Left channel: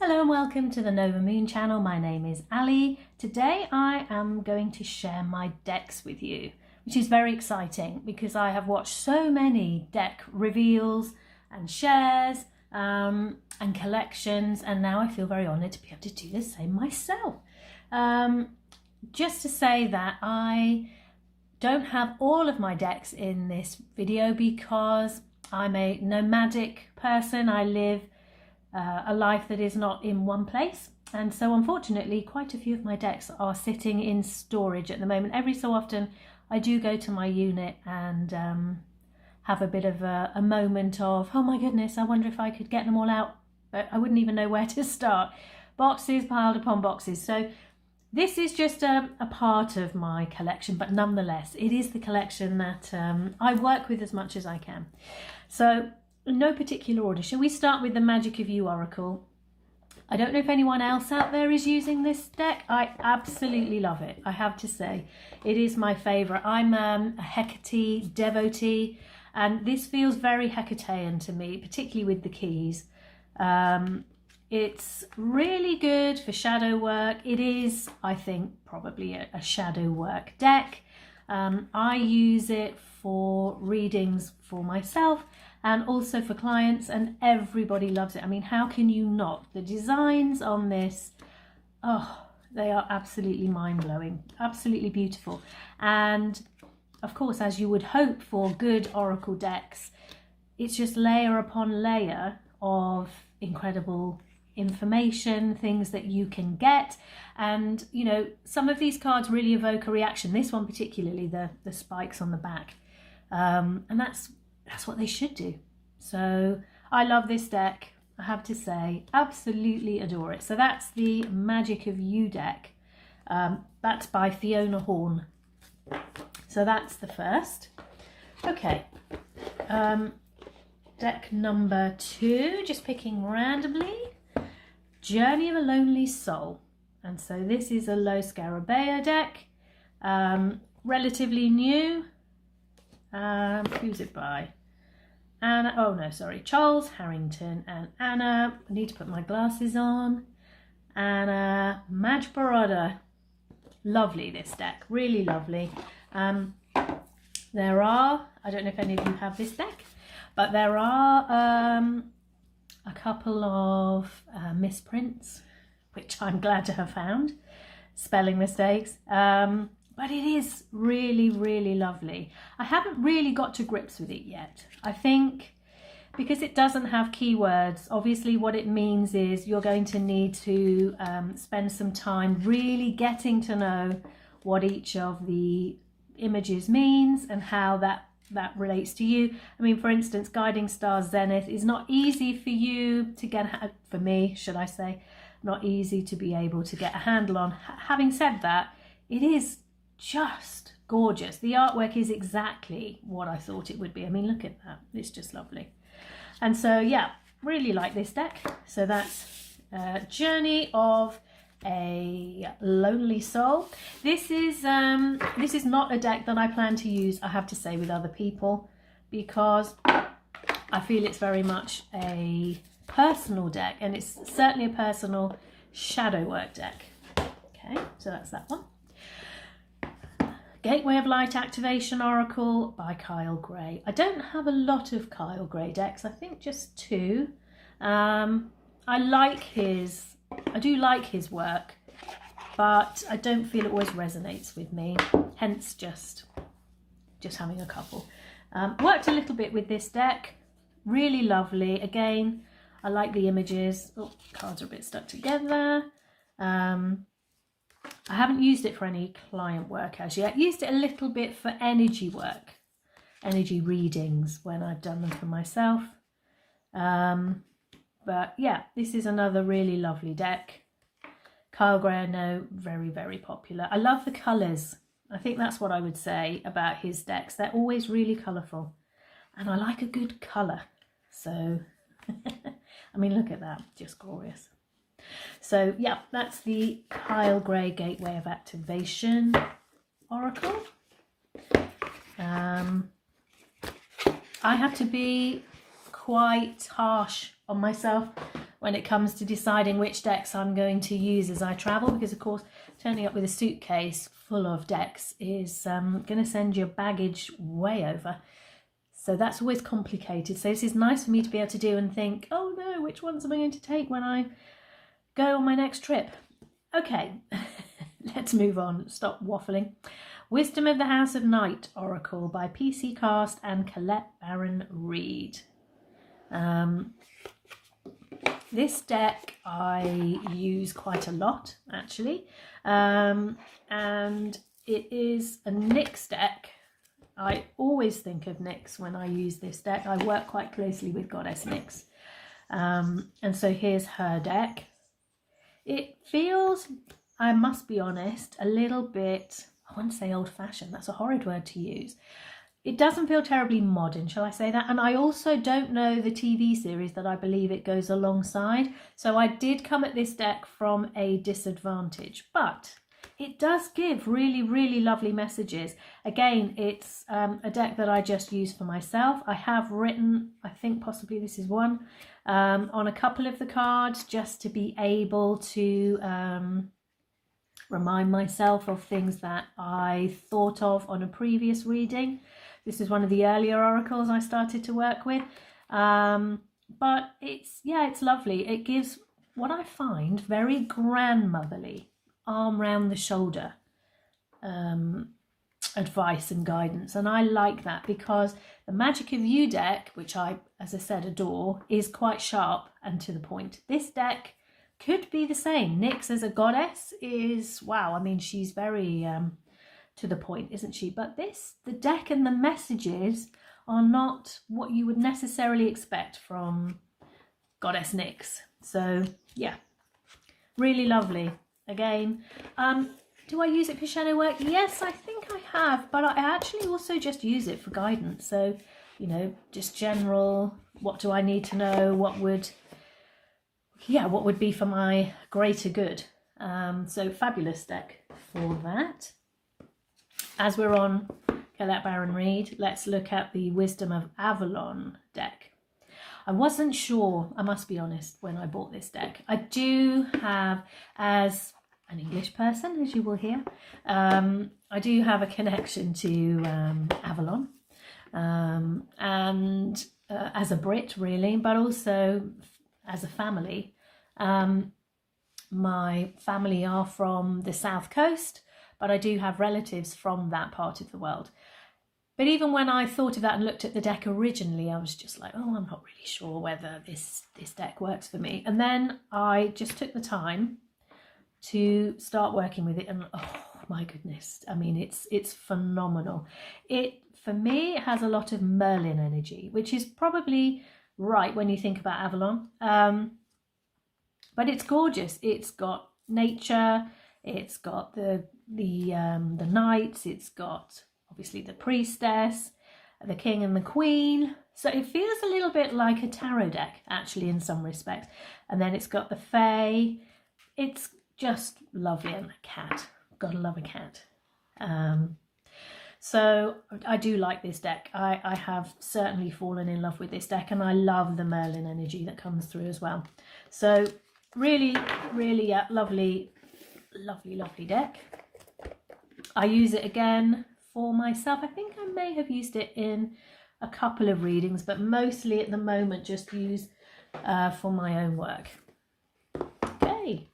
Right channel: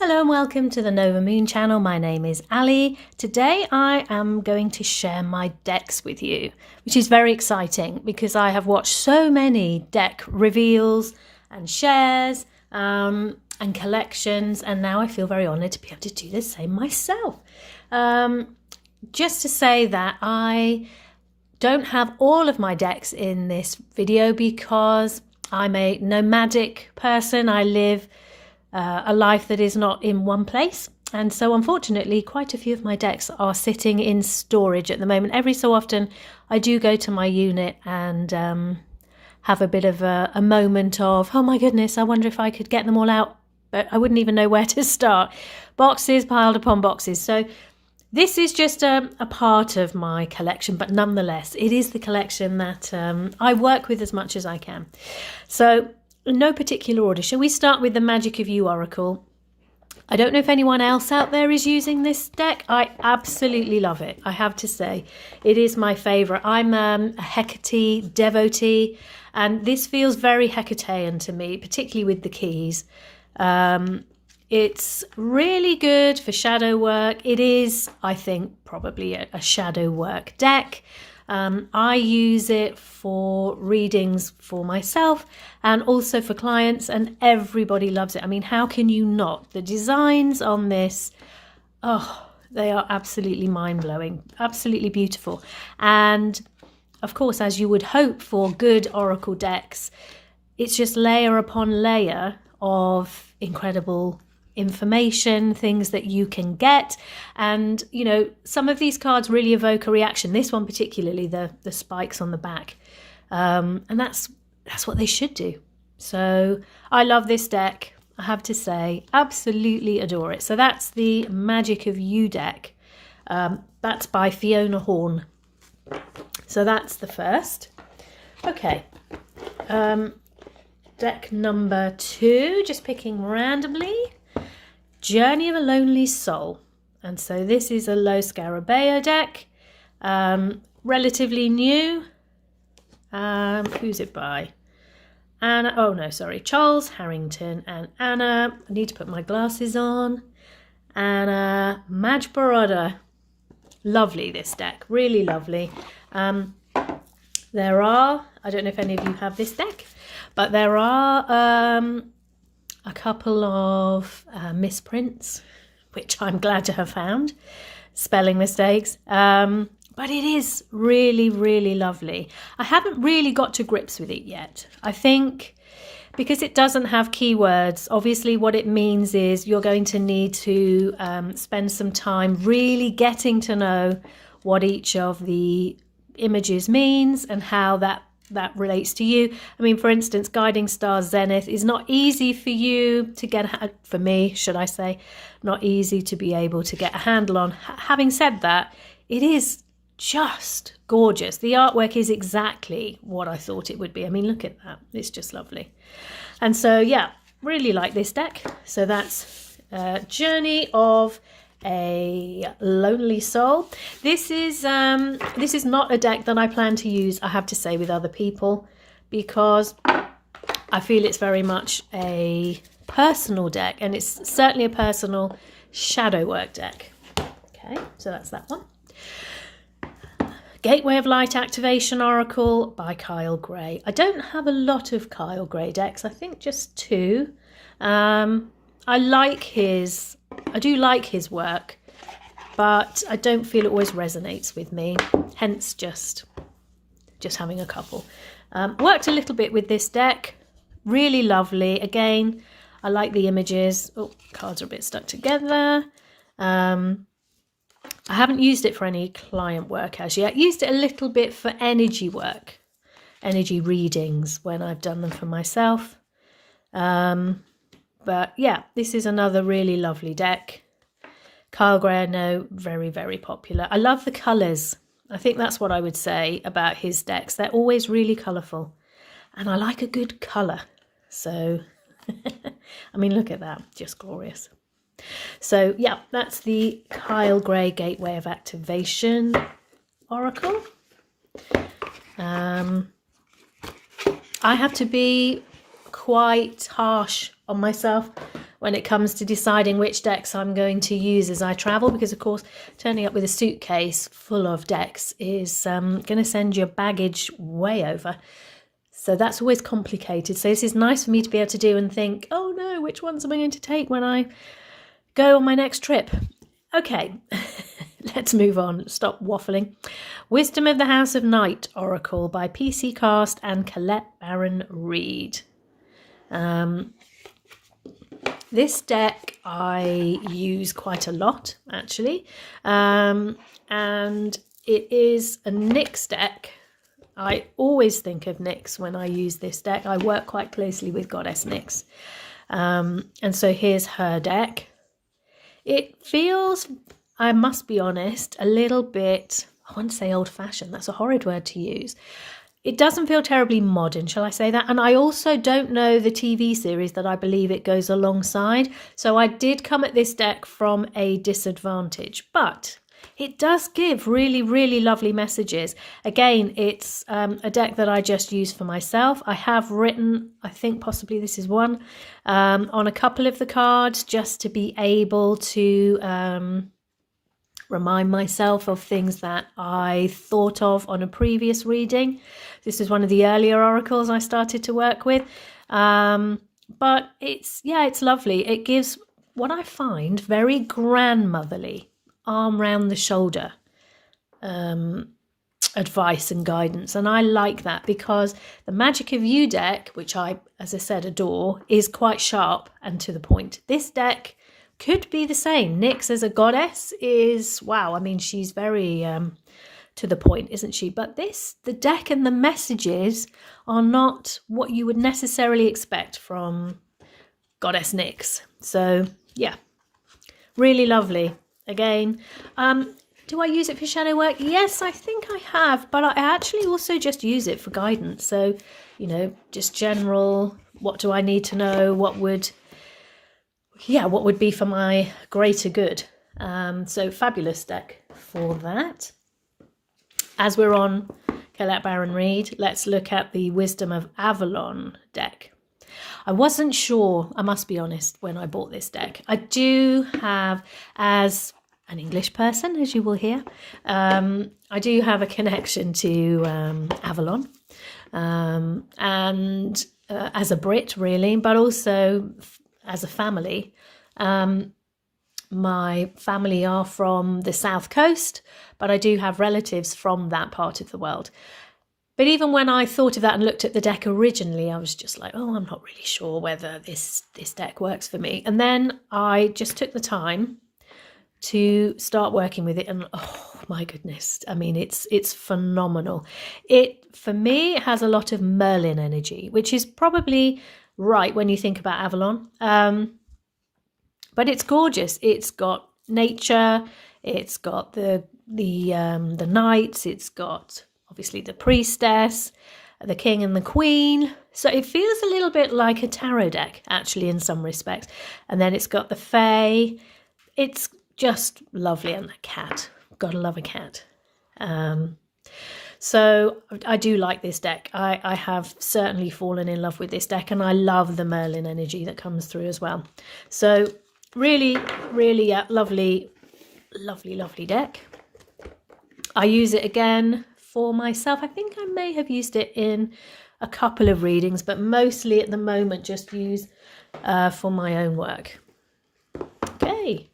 Hello and welcome to the Nova Moon channel. My name is Ali. Today I am going to share my decks with you, which is very exciting because I have watched so many deck reveals and shares and collections, and now I feel very honoured to be able to do the same myself. Just to say that I don't have all of my decks in this video because I'm a nomadic person. I live a life that is not in one place, and so unfortunately quite a few of my decks are sitting in storage at the moment. Every so often I do go to my unit and have a bit of a moment of, oh my goodness, I wonder if I could get them all out, but I wouldn't even know where to start. Boxes piled upon boxes. So this is just a part of my collection, but nonetheless it is the collection that I work with as much as I can. So in no particular order, shall we start with the Magic of You Oracle? I don't know if anyone else out there is using this deck. I absolutely love it, I have to say. It is my favourite. I'm a Hecate devotee, and this feels very Hecatean to me, particularly with the keys. It's really good for shadow work. It is, I think, probably a shadow work deck. I use it for readings for myself and also for clients, and everybody loves it. I mean, how can you not? The designs on this, oh, they are absolutely mind-blowing, absolutely beautiful. And of course, as you would hope for good oracle decks, it's just layer upon layer of incredible information, things that you can get. And you know, some of these cards really evoke a reaction. This one particularly, the spikes on the back, and that's what they should do. So I love this deck, I have to say, absolutely adore it. So that's the Magic of You deck. That's by Fiona Horn. So that's the first. Okay, deck number 2, just picking randomly. Journey of a Lonely Soul. And so this is a low Scarabeo deck, relatively new. Who's it by? Anna, oh no, sorry, Charles Harrington and Anna, I need to put my glasses on, Anna Majboroda. Lovely, this deck, really lovely. There are, I don't know if any of you have this deck, but there are a couple of misprints, which I'm glad to have found, spelling mistakes, but it is really, really lovely. I haven't really got to grips with it yet. I think because it doesn't have keywords, obviously what it means is you're going to need to spend some time really getting to know what each of the images means and how that relates to you. I mean, for instance, Guiding Stars Zenith is not easy for you to get, for me, should I say, not easy to be able to get a handle on. Having said that, it is just gorgeous. The artwork is exactly what I thought it would be. I mean, look at that. It's just lovely. And so, yeah, really like this deck. So that's Journey of a Lonely Soul. This is not a deck that I plan to use, I have to say, with other people, because I feel it's very much a personal deck, and it's certainly a personal shadow work deck. Okay, so that's that one. Gateway of Light Activation Oracle by Kyle Gray. I don't have a lot of Kyle Gray decks, I think just 2. I do like his work, but I don't feel it always resonates with me, hence just having a couple. Worked a little bit with this deck, really lovely. Again, I like the images. Oh, cards are a bit stuck together. I haven't used it for any client work as yet. Used it a little bit for energy work, energy readings when I've done them for myself. But yeah, this is another really lovely deck. Kyle Gray, I know, very, very popular. I love the colours. I think that's what I would say about his decks. They're always really colourful, and I like a good colour. So, I mean, look at that, just glorious. So yeah, that's the Kyle Gray Gateway of Activation Oracle. I have to be quite harsh on myself when it comes to deciding which decks I'm going to use as I travel, because of course turning up with a suitcase full of decks is going to send your baggage way over. So that's always complicated. So this is nice for me to be able to do and think, oh no, which ones am I going to take when I go on my next trip? Okay, let's move on. Stop waffling. Wisdom of the House of Night Oracle by PC Cast and Colette Baron Reid. This deck I use quite a lot, actually, and it is a Nyx deck. I always think of Nyx when I use this deck. I work quite closely with Goddess Nyx, and so here's her deck. It feels, I must be honest, a little bit, I wouldn't say old-fashioned, that's a horrid word to use. It doesn't feel terribly modern, shall I say that? And I also don't know the TV series that I believe it goes alongside. So I did come at this deck from a disadvantage, but it does give really, really lovely messages. Again, it's a deck that I just use for myself. I have written, I think possibly this is one, on a couple of the cards just to be able to remind myself of things that I thought of on a previous reading. This is one of the earlier oracles I started to work with. But it's lovely. It gives what I find very grandmotherly, arm round the shoulder advice and guidance. And I like that because the Magic of You deck, which I, as I said, adore, is quite sharp and to the point. This deck could be the same. Nyx as a goddess is, wow, I mean, she's very to the point, isn't she? But the deck and the messages are not what you would necessarily expect from Goddess Nyx. So, yeah, really lovely. Again, do I use it for shadow work? Yes, I think I have, but I actually also just use it for guidance. So, you know, just general, what do I need to know? What would be for my greater good? So fabulous deck for that. As we're on Colette Baron Reid, let's look at the Wisdom of Avalon deck. I wasn't sure, I must be honest, when I bought this deck. I do have, as an English person, as you will hear, I do have a connection to Avalon, and as a Brit, really, but also as a family. My family are from the South Coast, but I do have relatives from that part of the world. But even when I thought of that and looked at the deck originally, I was just like, oh, I'm not really sure whether this deck works for me. And then I just took the time to start working with it, and oh my goodness, I mean, it's phenomenal. It, for me, it has a lot of Merlin energy, which is probably right when you think about Avalon. But it's gorgeous. It's got nature, it's got the knights, it's got obviously the priestess, the king and the queen. So it feels a little bit like a tarot deck, actually, in some respects. And then it's got the fae. It's just lovely. And the cat, gotta love a cat. So I do like this deck. I have certainly fallen in love with this deck, and I love the Merlin energy that comes through as well. So really, really lovely, lovely, lovely deck. I use it again for myself. I think I may have used it in a couple of readings, but mostly at the moment just use for my own work. Okay,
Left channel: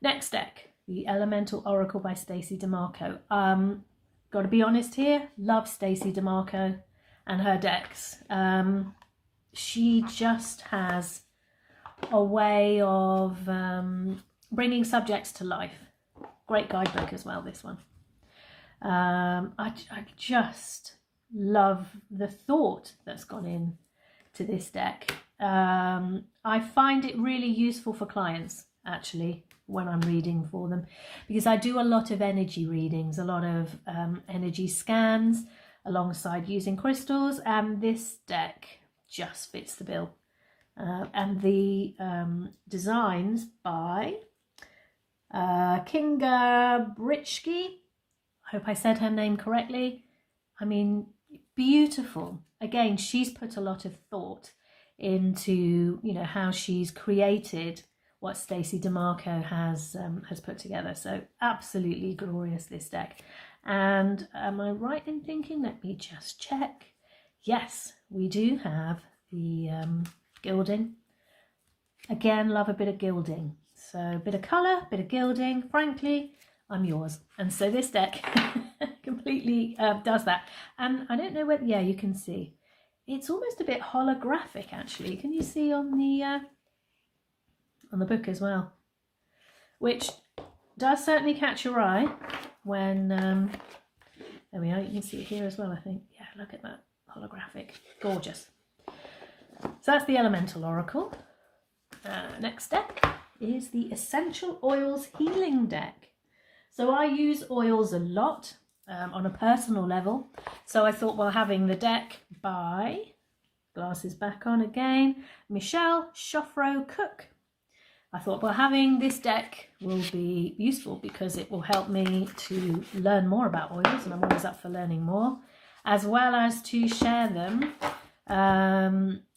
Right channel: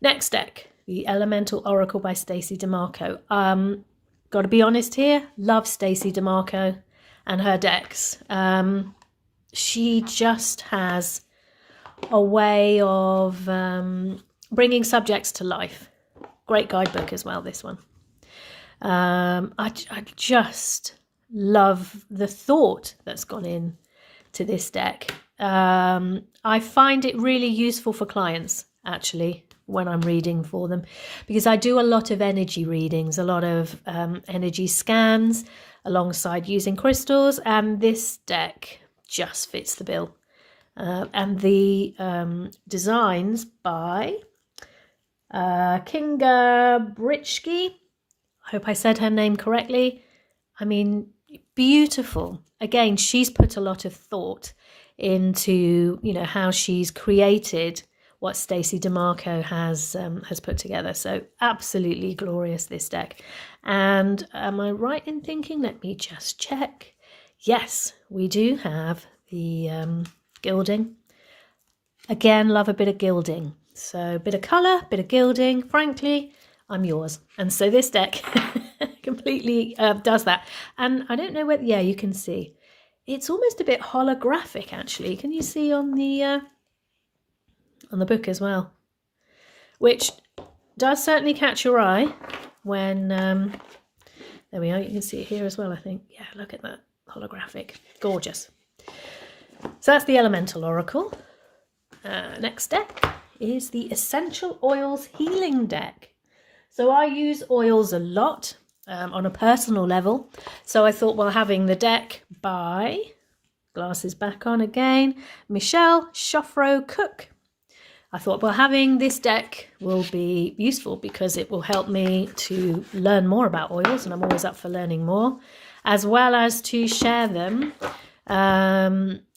next deck, the Elemental Oracle by Stacey DeMarco. Got to be honest here, love Stacey DeMarco and her decks. She just has a way of bringing subjects to life. Great guidebook as well, this one. I just love the thought that's gone in to this deck. I find it really useful for clients, actually, when I'm reading for them, because I do a lot of energy readings, a lot of energy scans alongside using crystals, and this deck just fits the bill. And the designs by Kinga Britschke. I hope I said her name correctly. I mean, beautiful. Again, she's put a lot of thought into, you know, how she's created what Stacey DeMarco has put together. So absolutely glorious, this deck. And am I right in thinking, let me just check. Yes, we do have the gilding. Again, love a bit of gilding. So a bit of colour, bit of gilding. Frankly, I'm yours. And so this deck completely does that. And I don't know whether, yeah, you can see. It's almost a bit holographic, actually. Can you see on the book as well? Which does certainly catch your eye when, there we are, you can see it here as well, I think. Yeah, look at that, holographic, gorgeous. So that's the Elemental Oracle. Next deck is the Essential Oils Healing deck. So I use oils a lot on a personal level. So I thought, well, having the deck by, glasses back on again, Michelle Shoffro Cook. I thought, well, having this deck will be useful because it will help me to learn more about oils, and I'm always up for learning more, as well as to share them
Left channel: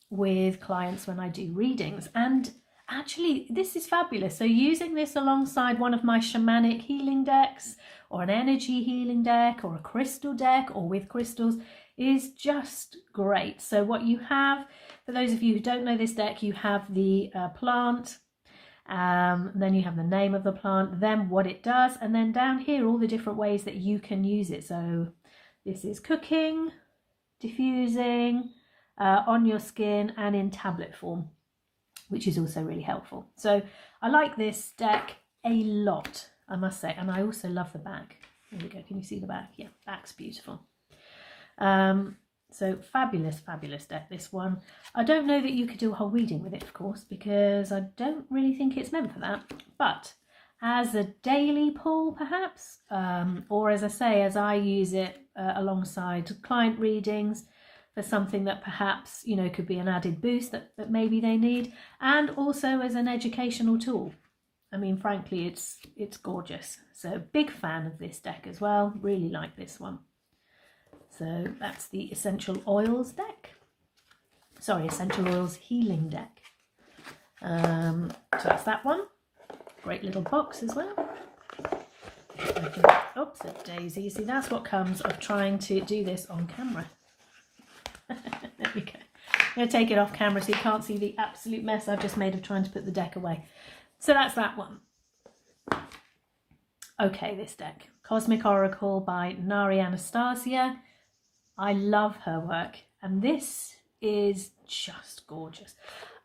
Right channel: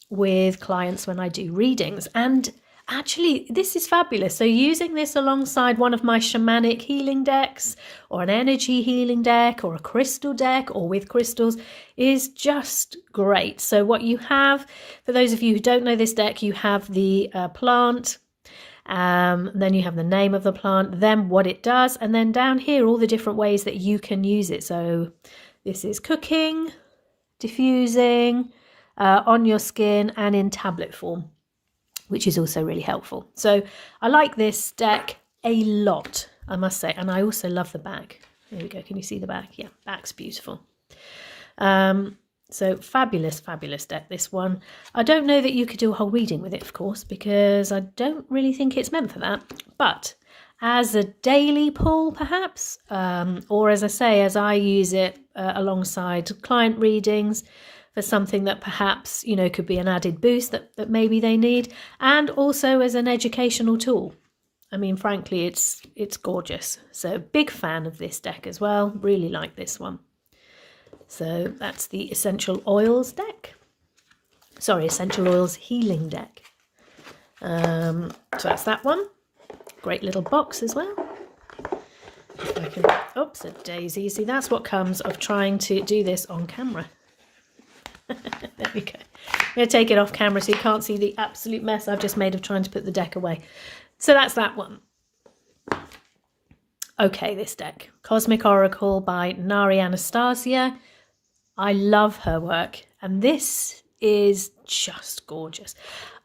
with clients when I do readings. And actually, this is fabulous. So using this alongside one of my shamanic healing decks, or an energy healing deck, or a crystal deck, or with crystals, is just great. So what you have, for those of you who don't know this deck, you have the plant, then you have the name of the plant, then what it does, and then down here all the different ways that you can use it. So this is cooking, diffusing, on your skin, and in tablet form, which is also really helpful. So I like this deck a lot, I must say. And I also love the back. There we go. Can you see the back? Yeah, back's beautiful. So fabulous, fabulous deck, this one. I don't know that you could do a whole reading with it, of course, because I don't really think it's meant for that. But as a daily pull, perhaps, or as I say, as I use it alongside client readings, for something that perhaps, you know, could be an added boost that maybe they need, and also as an educational tool. I mean, frankly, it's gorgeous. So big fan of this deck as well. Really like this one. So that's the Essential Oils deck. Sorry, Essential Oils Healing deck. So that's that one. Great little box as well. Oops, a daisy. See, that's what comes of trying to do this on camera. There we go. I'm going to take it off camera so you can't see the absolute mess I've just made of trying to put the deck away. So that's that one. Okay, this deck. Cosmic Oracle by Nari Anastasia. I love her work, and this is just gorgeous.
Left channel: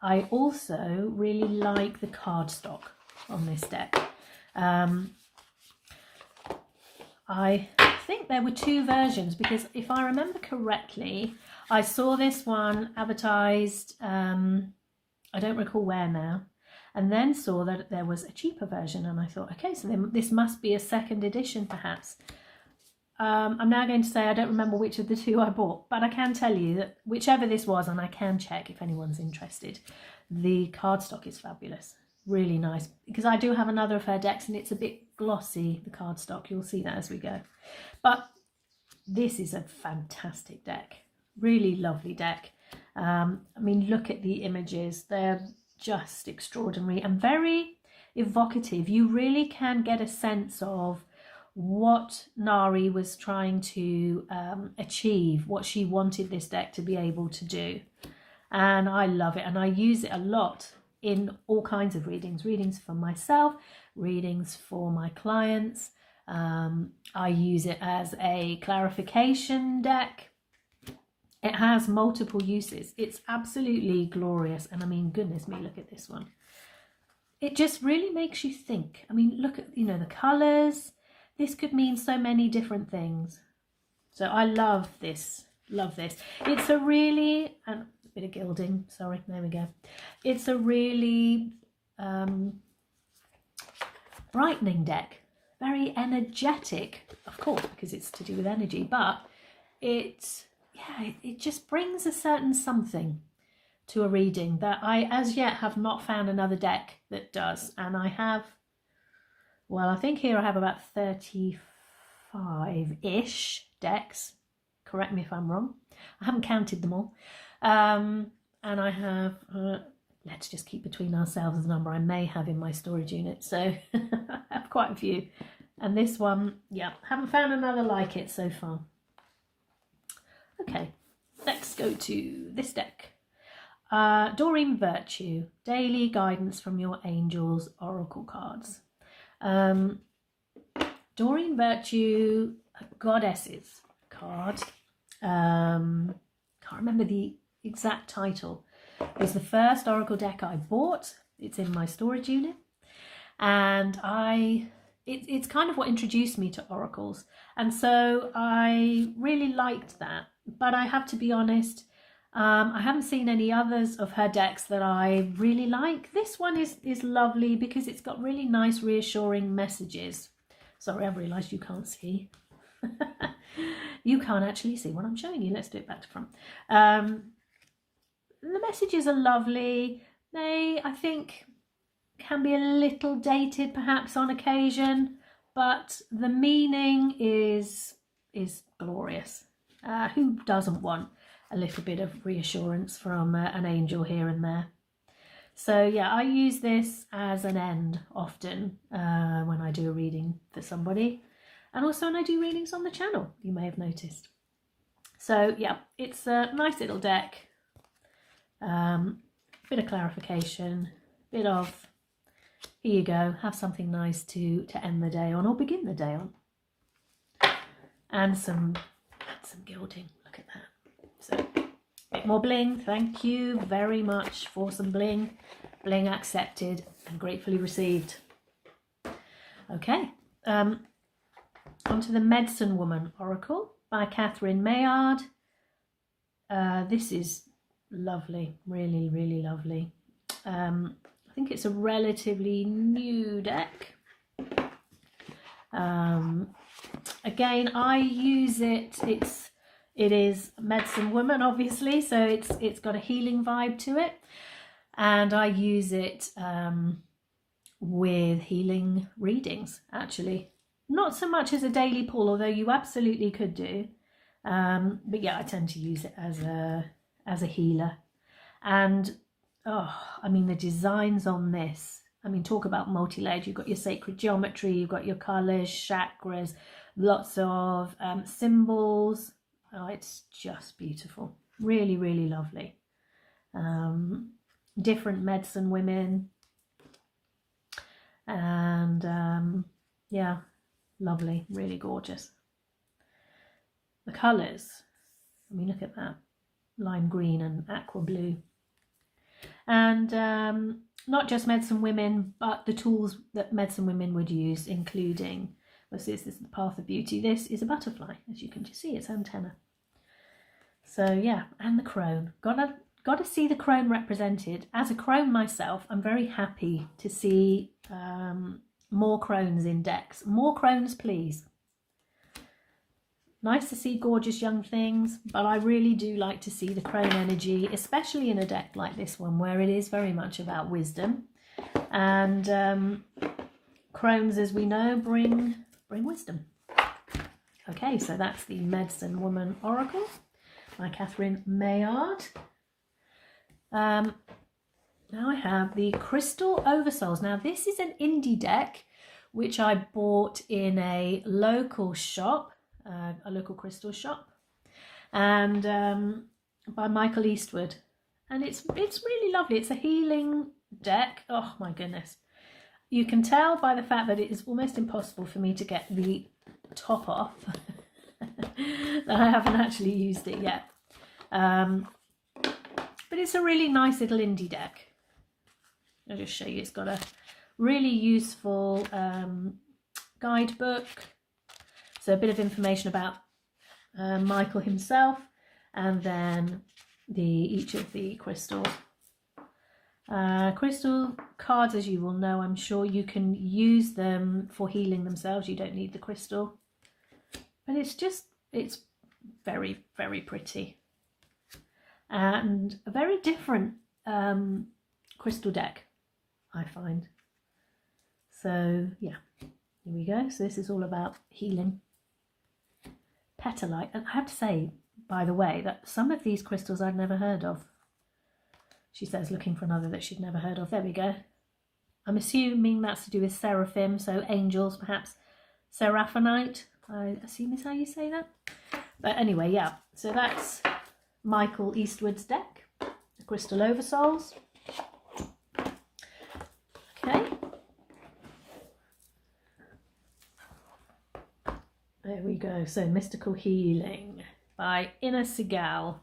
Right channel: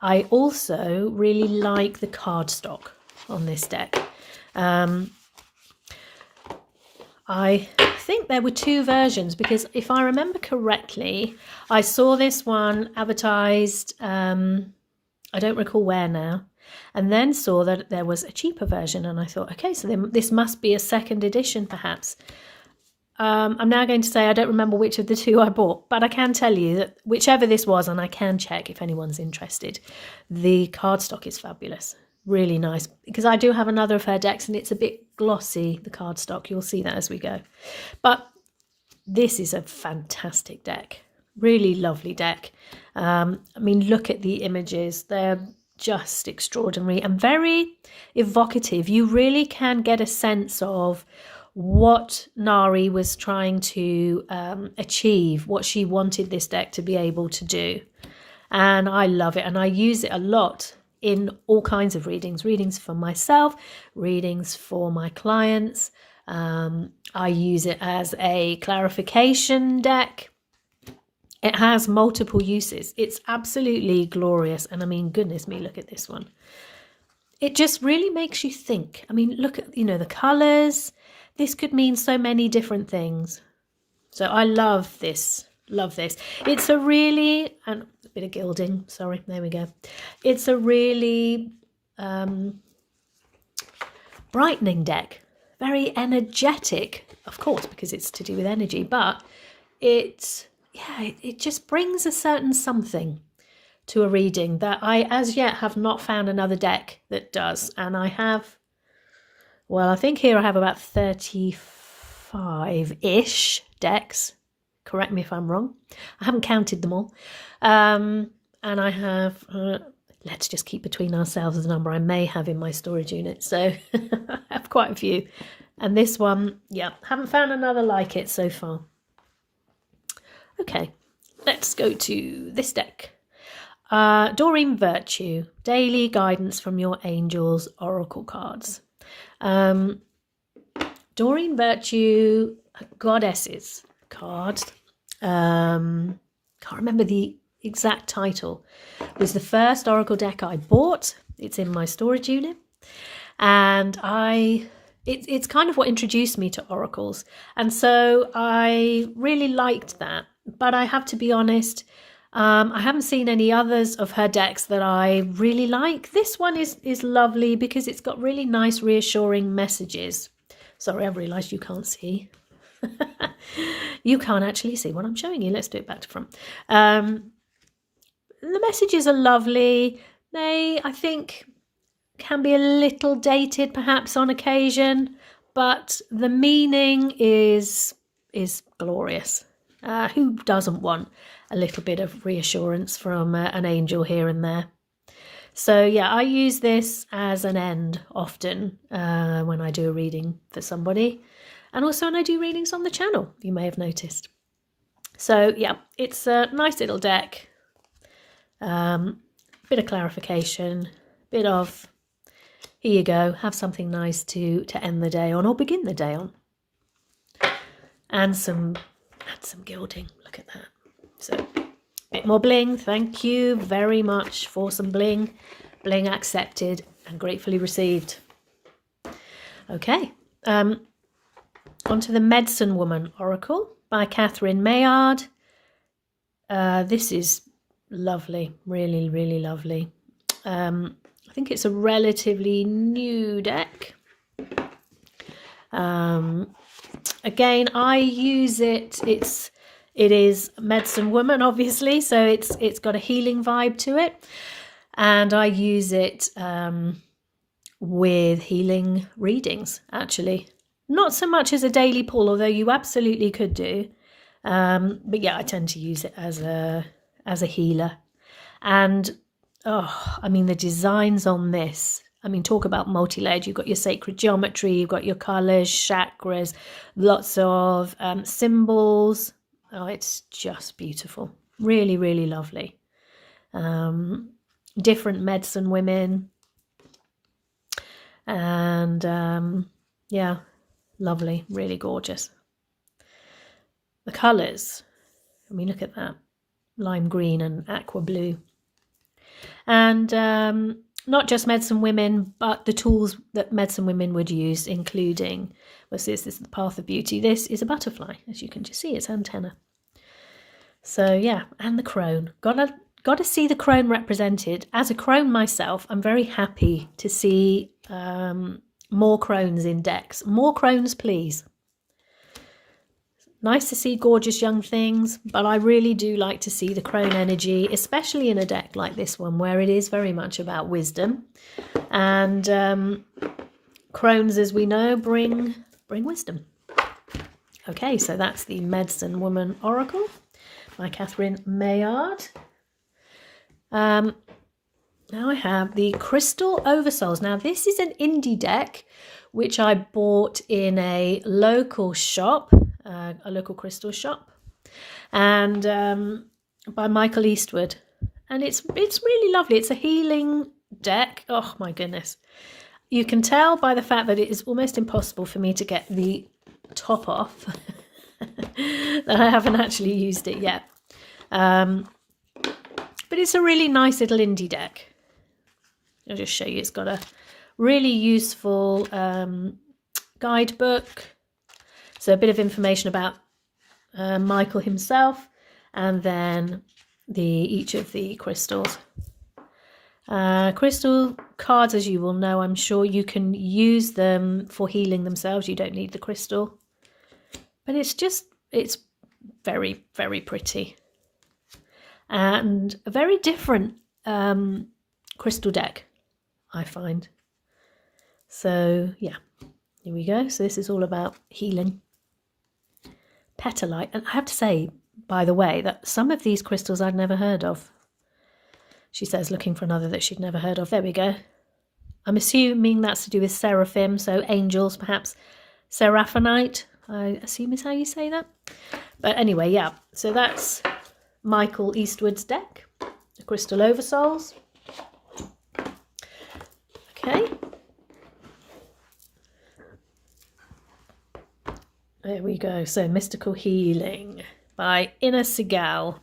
I also really like the cardstock on this deck. I think there were two versions, because if I remember correctly, I saw this one advertised, I don't recall where now, and then saw that there was a cheaper version, and I thought, okay, so this must be a second edition perhaps. I'm now going to say I don't remember which of the two I bought, but I can tell you that whichever this was, and I can check if anyone's interested, the cardstock is fabulous. Really nice, because I do have another of her decks and it's a bit glossy, the cardstock. You'll see that as we go. But this is a fantastic deck. Really lovely deck. I mean, look at the images. They're just extraordinary and very evocative. You really can get a sense of what Nari was trying to achieve, what she wanted this deck to be able to do. And I love it, and I use it a lot in all kinds of readings for myself, readings for my clients. I use it as a clarification deck. It has multiple uses. It's absolutely glorious. And I mean, goodness me, look at this one. It just really makes you think. I mean, look at, you know, the colours. This could mean so many different things. So I love this. Love this. It's a really, and a bit of gilding, sorry, there we go. It's a really brightening deck, very energetic, of course, because it's to do with energy, but it just brings a certain something to a reading that I as yet have not found another deck that does. And I have, well, I think here I have about 35-ish decks. Correct me if I'm wrong. I haven't counted them all. And and I have, let's just keep between ourselves the number I may have in my storage unit. So I have quite a few. And this one, yeah, haven't found another like it so far. Okay, let's go to this deck. Doreen Virtue, Daily Guidance from Your Angels Oracle Cards. Doreen Virtue, Goddesses card. Can't remember the exact title. It was the first Oracle deck I bought. It's in my storage unit. And it's kind of what introduced me to oracles. And so I really liked that. But I have to be honest, I haven't seen any others of her decks that I really like. This one is lovely because it's got really nice reassuring messages. Sorry, I've realised you can't see. You can't actually see what I'm showing you. Let's do it back to front. The messages are lovely. They, I think, can be a little dated perhaps on occasion, but the meaning is glorious. Who doesn't want a little bit of reassurance from an angel here and there? So yeah, I use this as an end often when I do a reading for somebody, and also when I do readings on the channel, you may have noticed. So yeah, it's a nice little deck. Bit of clarification, bit of, here you go, have something nice to end the day on or begin the day on. And some gilding, look at that. So a bit more bling, thank you very much for some bling. Bling accepted and gratefully received. Okay, onto the Medicine Woman Oracle by Catherine Maillard. This is lovely, really, really lovely. I think it's a relatively new deck. Again, I use it. It is Medicine Woman, obviously, so it's got a healing vibe to it, and I use it with healing readings. Actually, not so much as a daily pull, although you absolutely could do. But yeah, I tend to use it as a healer, and I mean the designs on this. I mean, talk about multi-layered. You've got your sacred geometry, you've got your colours, chakras, lots of symbols. Oh, it's just beautiful. Really, really lovely. Different medicine women. And yeah, lovely, really gorgeous. The colours, I mean, look at that. Lime green and aqua blue. And not just medicine women, but the tools that medicine women would use, including, this is the Path of Beauty. This is a butterfly, as you can just see, its antenna. So yeah, and the crone. Gotta see the crone represented. As a crone myself, I'm very happy to see more crones in decks. More crones, please. Nice to see gorgeous young things, but I really do like to see the crone energy, especially in a deck like this one, where it is very much about wisdom. And crones, as we know, bring wisdom. Okay, so that's the Medicine Woman Oracle by Catherine Maillard. Now I have the Crystal Oversouls. Now this is an indie deck which I bought in a local shop, a local crystal shop, and by Michael Eastwood, and it's really lovely. It's a healing deck. Oh my goodness, you can tell by the fact that it is almost impossible for me to get the top off that I haven't actually used it yet, but it's a really nice little indie deck. I'll just show you. It's got a really useful guidebook, so a bit of information about Michael himself, and then each of the crystals. Crystal cards, as you will know, I'm sure, you can use them for healing themselves. You don't need the crystal, but it's very, very pretty and a very different crystal deck, I find. So yeah, here we go. So this is all about healing. Petalite. And I have to say, by the way, that some of these crystals I'd never heard of. She says, looking for another that she'd never heard of. There we go. I'm assuming that's to do with seraphim, so angels, perhaps seraphonite, I assume is how you say that. But anyway, yeah, so that's Michael Eastwood's deck, the Crystal Oversouls. Okay. There we go. So Mystical Healing by Inna Segal.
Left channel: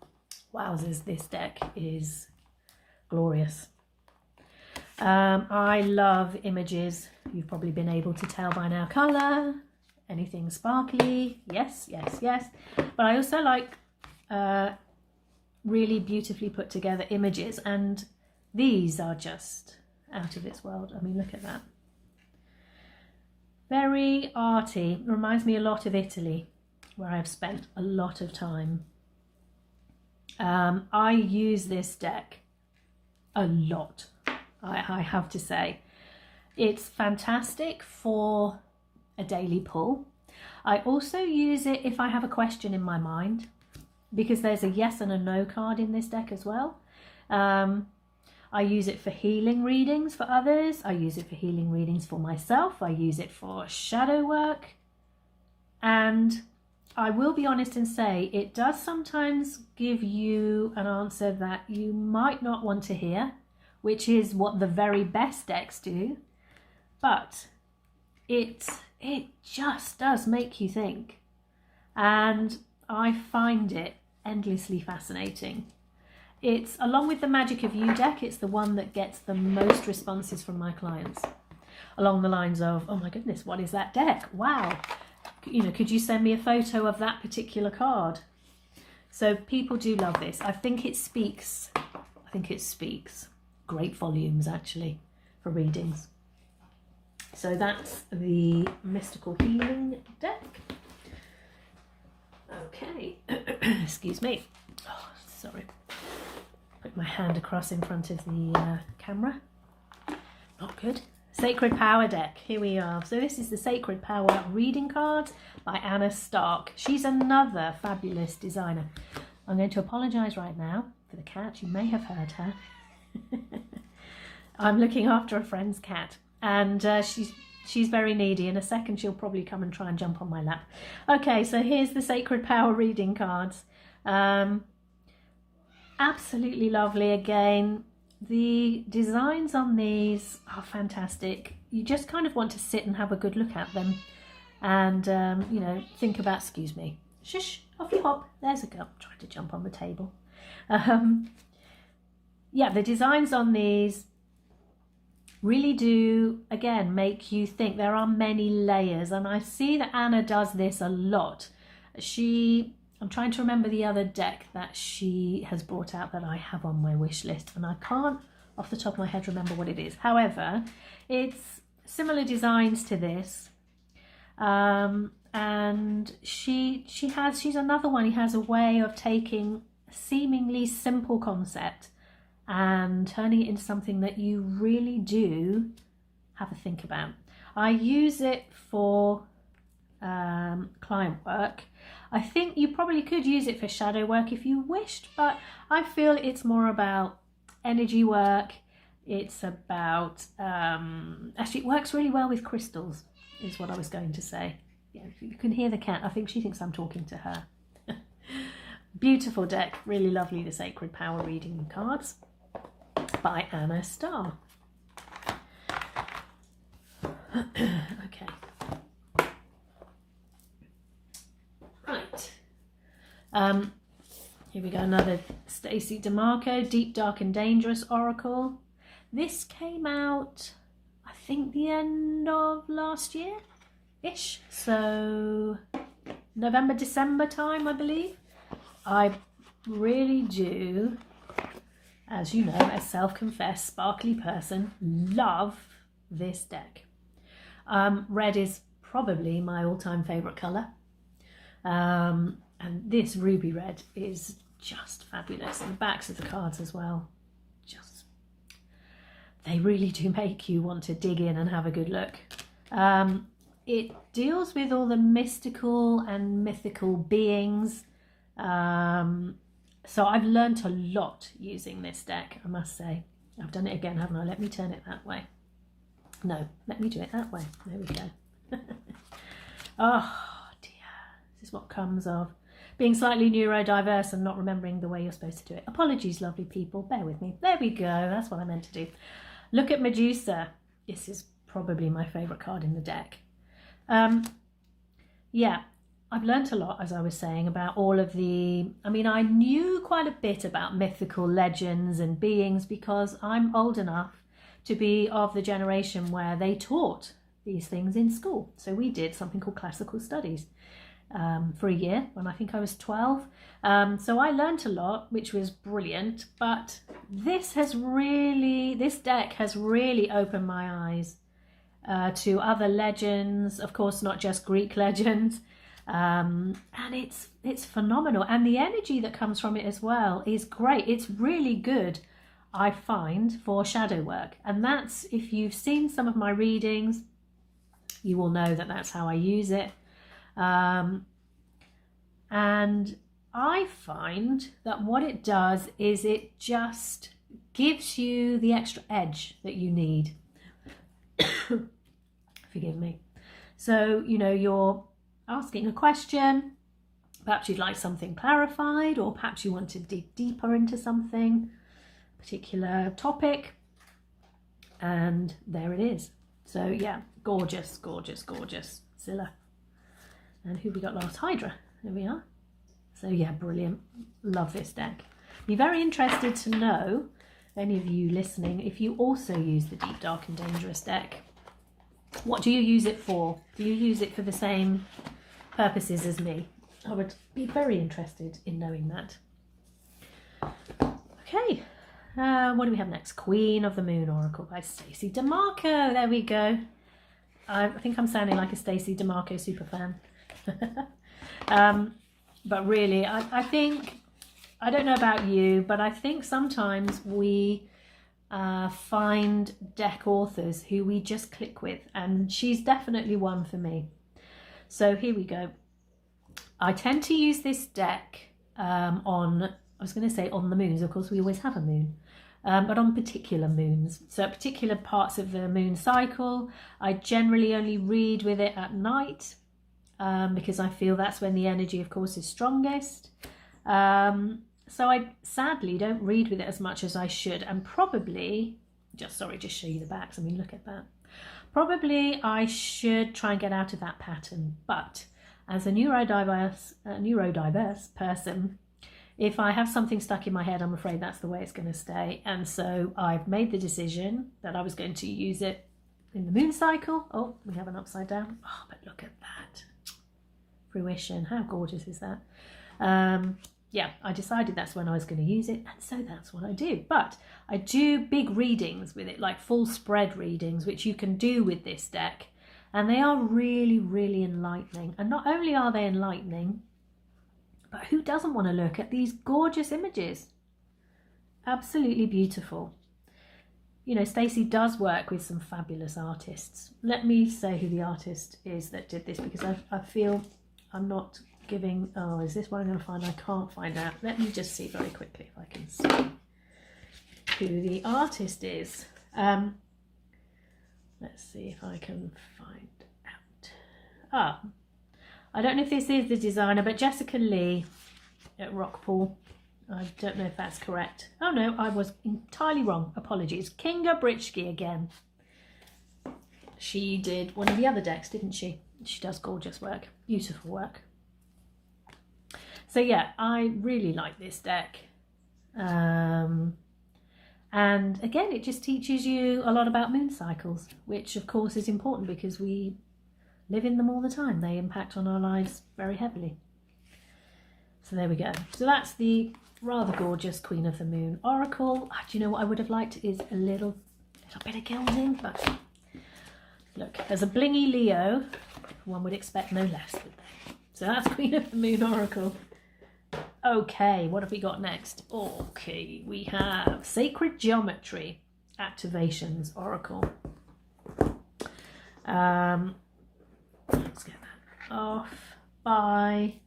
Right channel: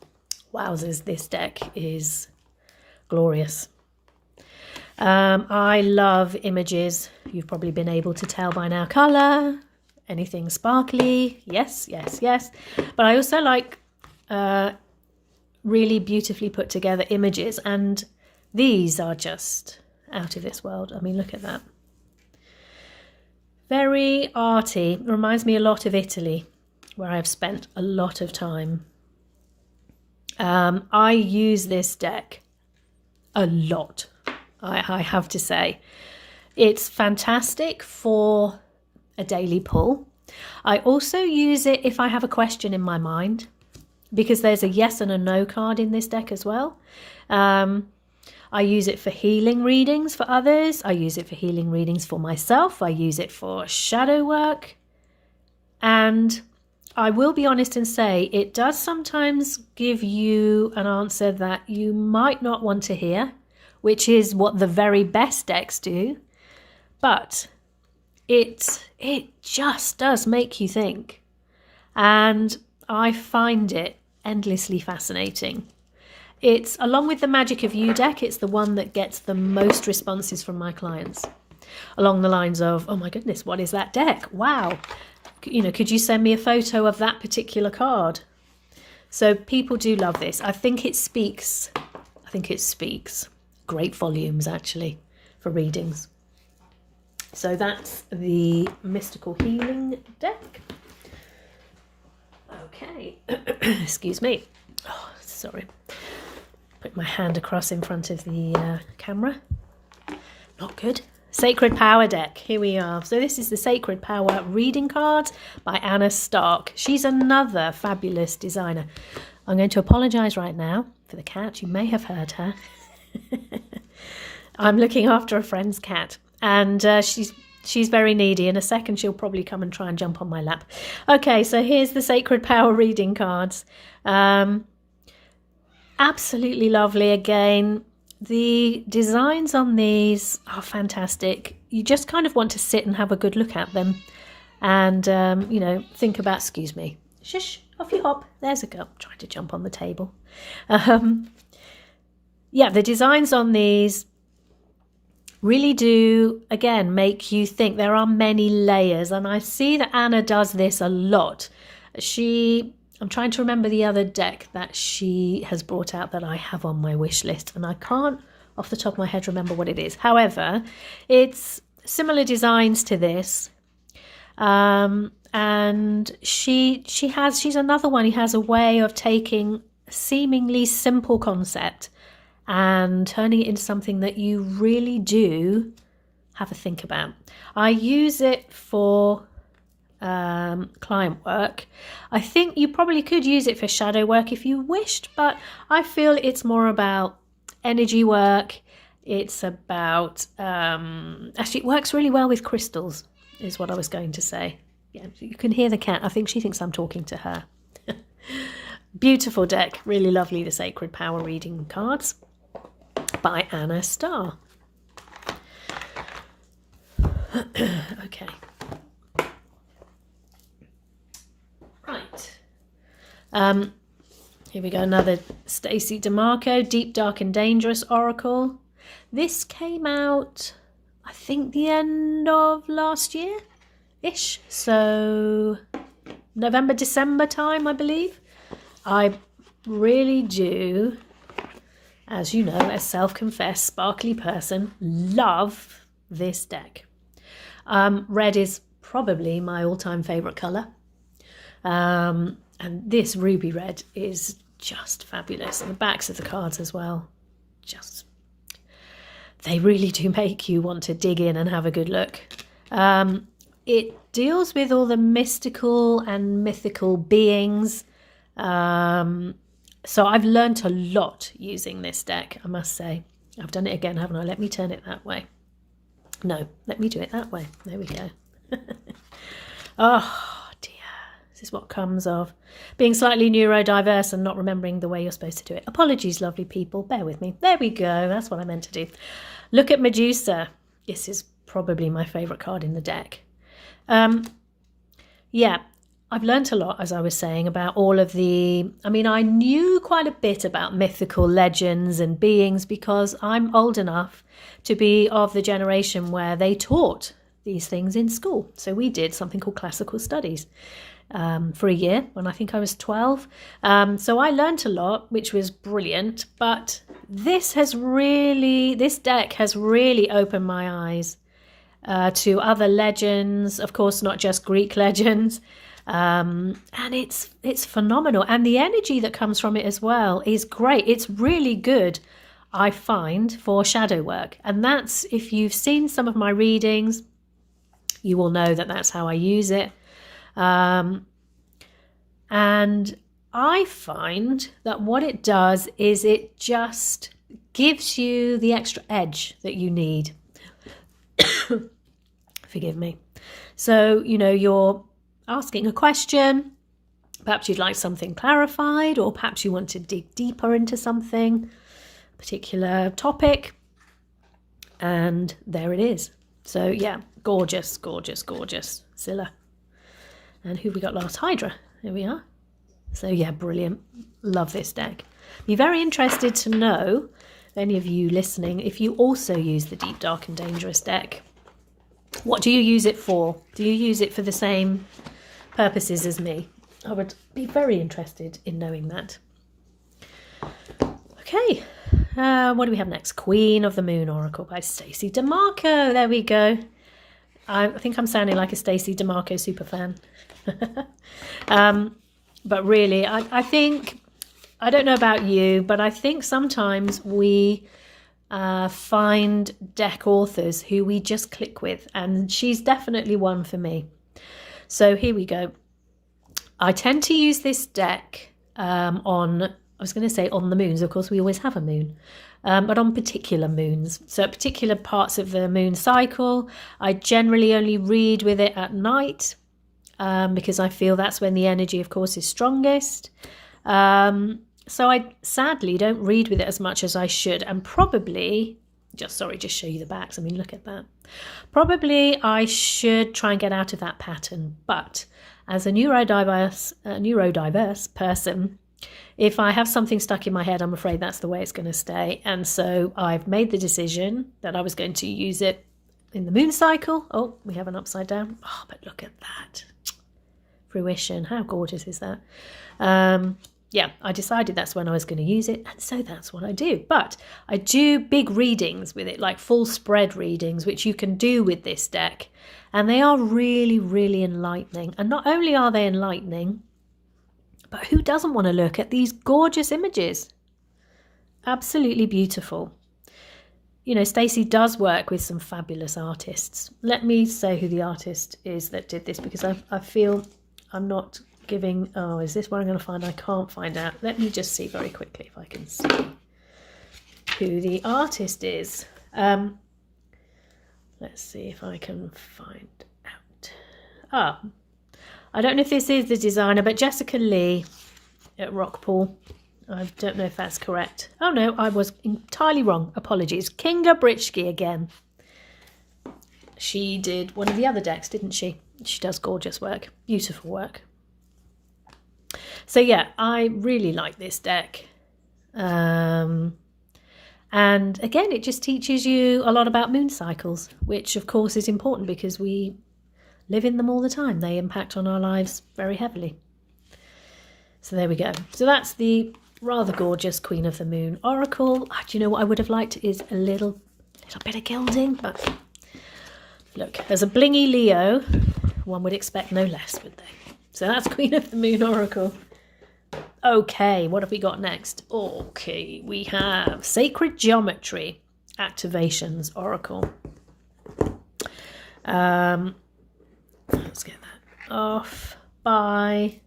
Wowzers, this deck is glorious. I love images. You've probably been able to tell by now. Colour, anything sparkly. Yes, yes, yes. But I also like really beautifully put together images. And these are just out of this world. I mean, look at that. Very arty. Reminds me a lot of Italy, where I've spent a lot of time. I use this deck a lot, I have to say. It's fantastic for a daily pull. I also use it if I have a question in my mind, because there's a yes and a no card in this deck as well. I use it for healing readings for others. I use it for healing readings for myself. I use it for shadow work. And I will be honest and say it does sometimes give you an answer that you might not want to hear, which is what the very best decks do. But it just does make you think. And I find it endlessly fascinating. It's, along with the Magic of You deck, it's the one that gets the most responses from my clients. Along the lines of, oh my goodness, what is that deck? Wow. You know, could you send me a photo of that particular card? So people do love this. I think it speaks great volumes, actually, for readings. So that's the Mystical Healing deck. Okay. Excuse me. Oh, sorry. Put my hand across in front of the camera. Not good. Sacred Power deck. Here we are. So this is the Sacred Power reading cards by Anna Stark. She's another fabulous designer. I'm going to apologise right now for the cat. You may have heard her. I'm looking after a friend's cat, and she's very needy. In a second, she'll probably come and try and jump on my lap. Okay, so here's the Sacred Power reading cards. Absolutely lovely again. The designs on these are fantastic. You just kind of want to sit and have a good look at them and, you know, think about, excuse me, shush, off you hop. There's a girl trying to jump on the table. Yeah, the designs on these really do, again, make you think. There are many layers, and I see that Anna does this a lot. I'm trying to remember the other deck that she has brought out that I have on my wish list, and I can't off the top of my head remember what it is. However, it's similar designs to this, and she's another one who has a way of taking a seemingly simple concept and turning it into something that you really do have a think about. I use it for client work. I think you probably could use it for shadow work if you wished, but I feel it's more about energy work. It's about actually it works really well with crystals, is what I was going to say. Yeah, you can hear the cat. I think she thinks I'm talking to her. Beautiful deck, really lovely. The Sacred Power reading cards by Anna Starr. Okay. Right. Here we go, another Stacey DeMarco, Deep, Dark and Dangerous Oracle. This came out, I think, the end of last year-ish. So November, December time, I believe. I really do, as you know, a self-confessed sparkly person, love this deck. Red is probably my all-time favourite colour. And this ruby red is just fabulous. And the backs of the cards as well, they really do make you want to dig in and have a good look. It deals with all the mystical and mythical beings, So I've learnt a lot using this deck, I must say. I've done it again, haven't I? Let me turn it that way. No, let me do it that way. There we go. Oh dear, this is what comes of being slightly neurodiverse and not remembering the way you're supposed to do it. Apologies, lovely people, bear with me. There we go, that's what I meant to do. Look at Medusa. This is probably my favourite card in the deck. Yeah, I've learnt a lot, as I was saying, about all of the... I mean, I knew quite a bit about mythical legends and beings because I'm old enough to be of the generation where they taught these things in school. So we did something called classical studies for a year when I think I was 12. So I learnt a lot, which was brilliant. But this deck has really opened my eyes to other legends, of course, not just Greek legends. And it's phenomenal. And the energy that comes from it as well is great. It's really good, I find, for shadow work. And that's, if you've seen some of my readings, you will know that that's how I use it. And I find that what it does is it just gives you the extra edge that you need. Forgive me. So, you know, you're asking a question, perhaps you'd like something clarified, or perhaps you want to dig deeper into something, particular topic, and there it is. So yeah, gorgeous, gorgeous, gorgeous. Scylla. And who we got last? Hydra. There we are. So yeah, brilliant. Love this deck. Be very interested to know, any of you listening, if you also use the Deep, Dark and Dangerous deck. What do you use it for? Do you use it for the same purposes as me? I would be very interested in knowing that. Okay, what do we have next? Queen of the Moon Oracle by Stacey DeMarco. There we go. I think I'm sounding like a Stacey DeMarco superfan. But really, I think, I don't know about you, but I think sometimes we find deck authors who we just click with, and she's definitely one for me. So here we go. I tend to use this deck on, I was going to say on the moons, of course we always have a moon, but on particular moons. So at particular parts of the moon cycle, I generally only read with it at night because I feel that's when the energy, of course, is strongest. So I sadly don't read with it as much as I should, and probably, just show you the backs. I mean, look at that. Probably I should try and get out of that pattern, but as a neurodiverse person, if I have something stuck in my head, I'm afraid that's the way it's going to stay. And so I've made the decision that I was going to use it in the moon cycle. Oh, we have an upside down. Oh, but look at that. Fruition. How gorgeous is that? Yeah, I decided that's when I was going to use it, and so that's what I do. But I do big readings with it, like full spread readings, which you can do with this deck. And they are really, really enlightening. And not only are they enlightening, but who doesn't want to look at these gorgeous images? Absolutely beautiful. You know, Stacey does work with some fabulous artists. Let me say who the artist is that did this, because I feel I'm not giving... Oh, is this what I'm going to find? I can't find out. Let me just see very quickly if I can see who the artist is. Let's see if I can find out. Ah, I don't know if this is the designer, but Jessica Lee at Rockpool. I don't know if that's correct. Oh no, I was entirely wrong. Apologies. Kinga Britschke again. She did one of the other decks, didn't she? She does gorgeous work, beautiful work. So yeah, I really like this deck. And again, it just teaches you a lot about moon cycles, which of course is important because we live in them all the time. They impact on our lives very heavily. So there we go. So that's the rather gorgeous Queen of the Moon Oracle. Do you know what I would have liked is a little bit of gilding, but look, as a blingy Leo, one would expect no less, would they? So that's Queen of the Moon Oracle. Okay, what have we got next? Okay, we have Sacred Geometry Activations Oracle. Let's get that off by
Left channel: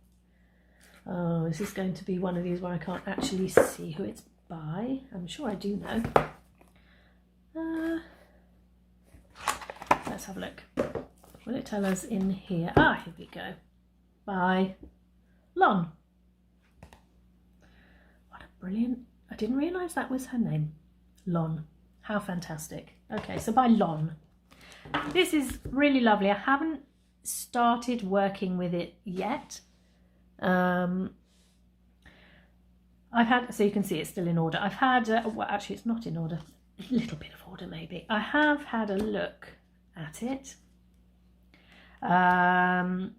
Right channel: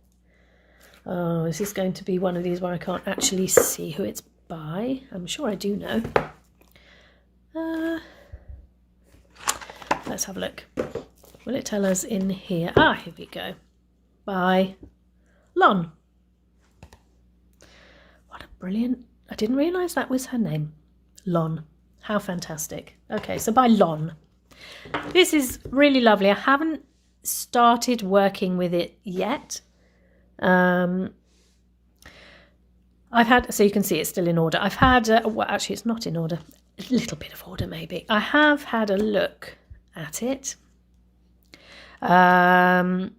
Oh, this is going to be one of these where I can't actually see who it's by. I'm sure I do know. Let's have a look. Will it tell us in here? Ah, here we go. By Lon. What a brilliant... I didn't realise that was her name. Lon. How fantastic. Okay, so by Lon. This is really lovely. I haven't started working with it yet. I've had, so you can see it's still in order. I've had, well, actually it's not in order. A little bit of order maybe. I have had a look at it. And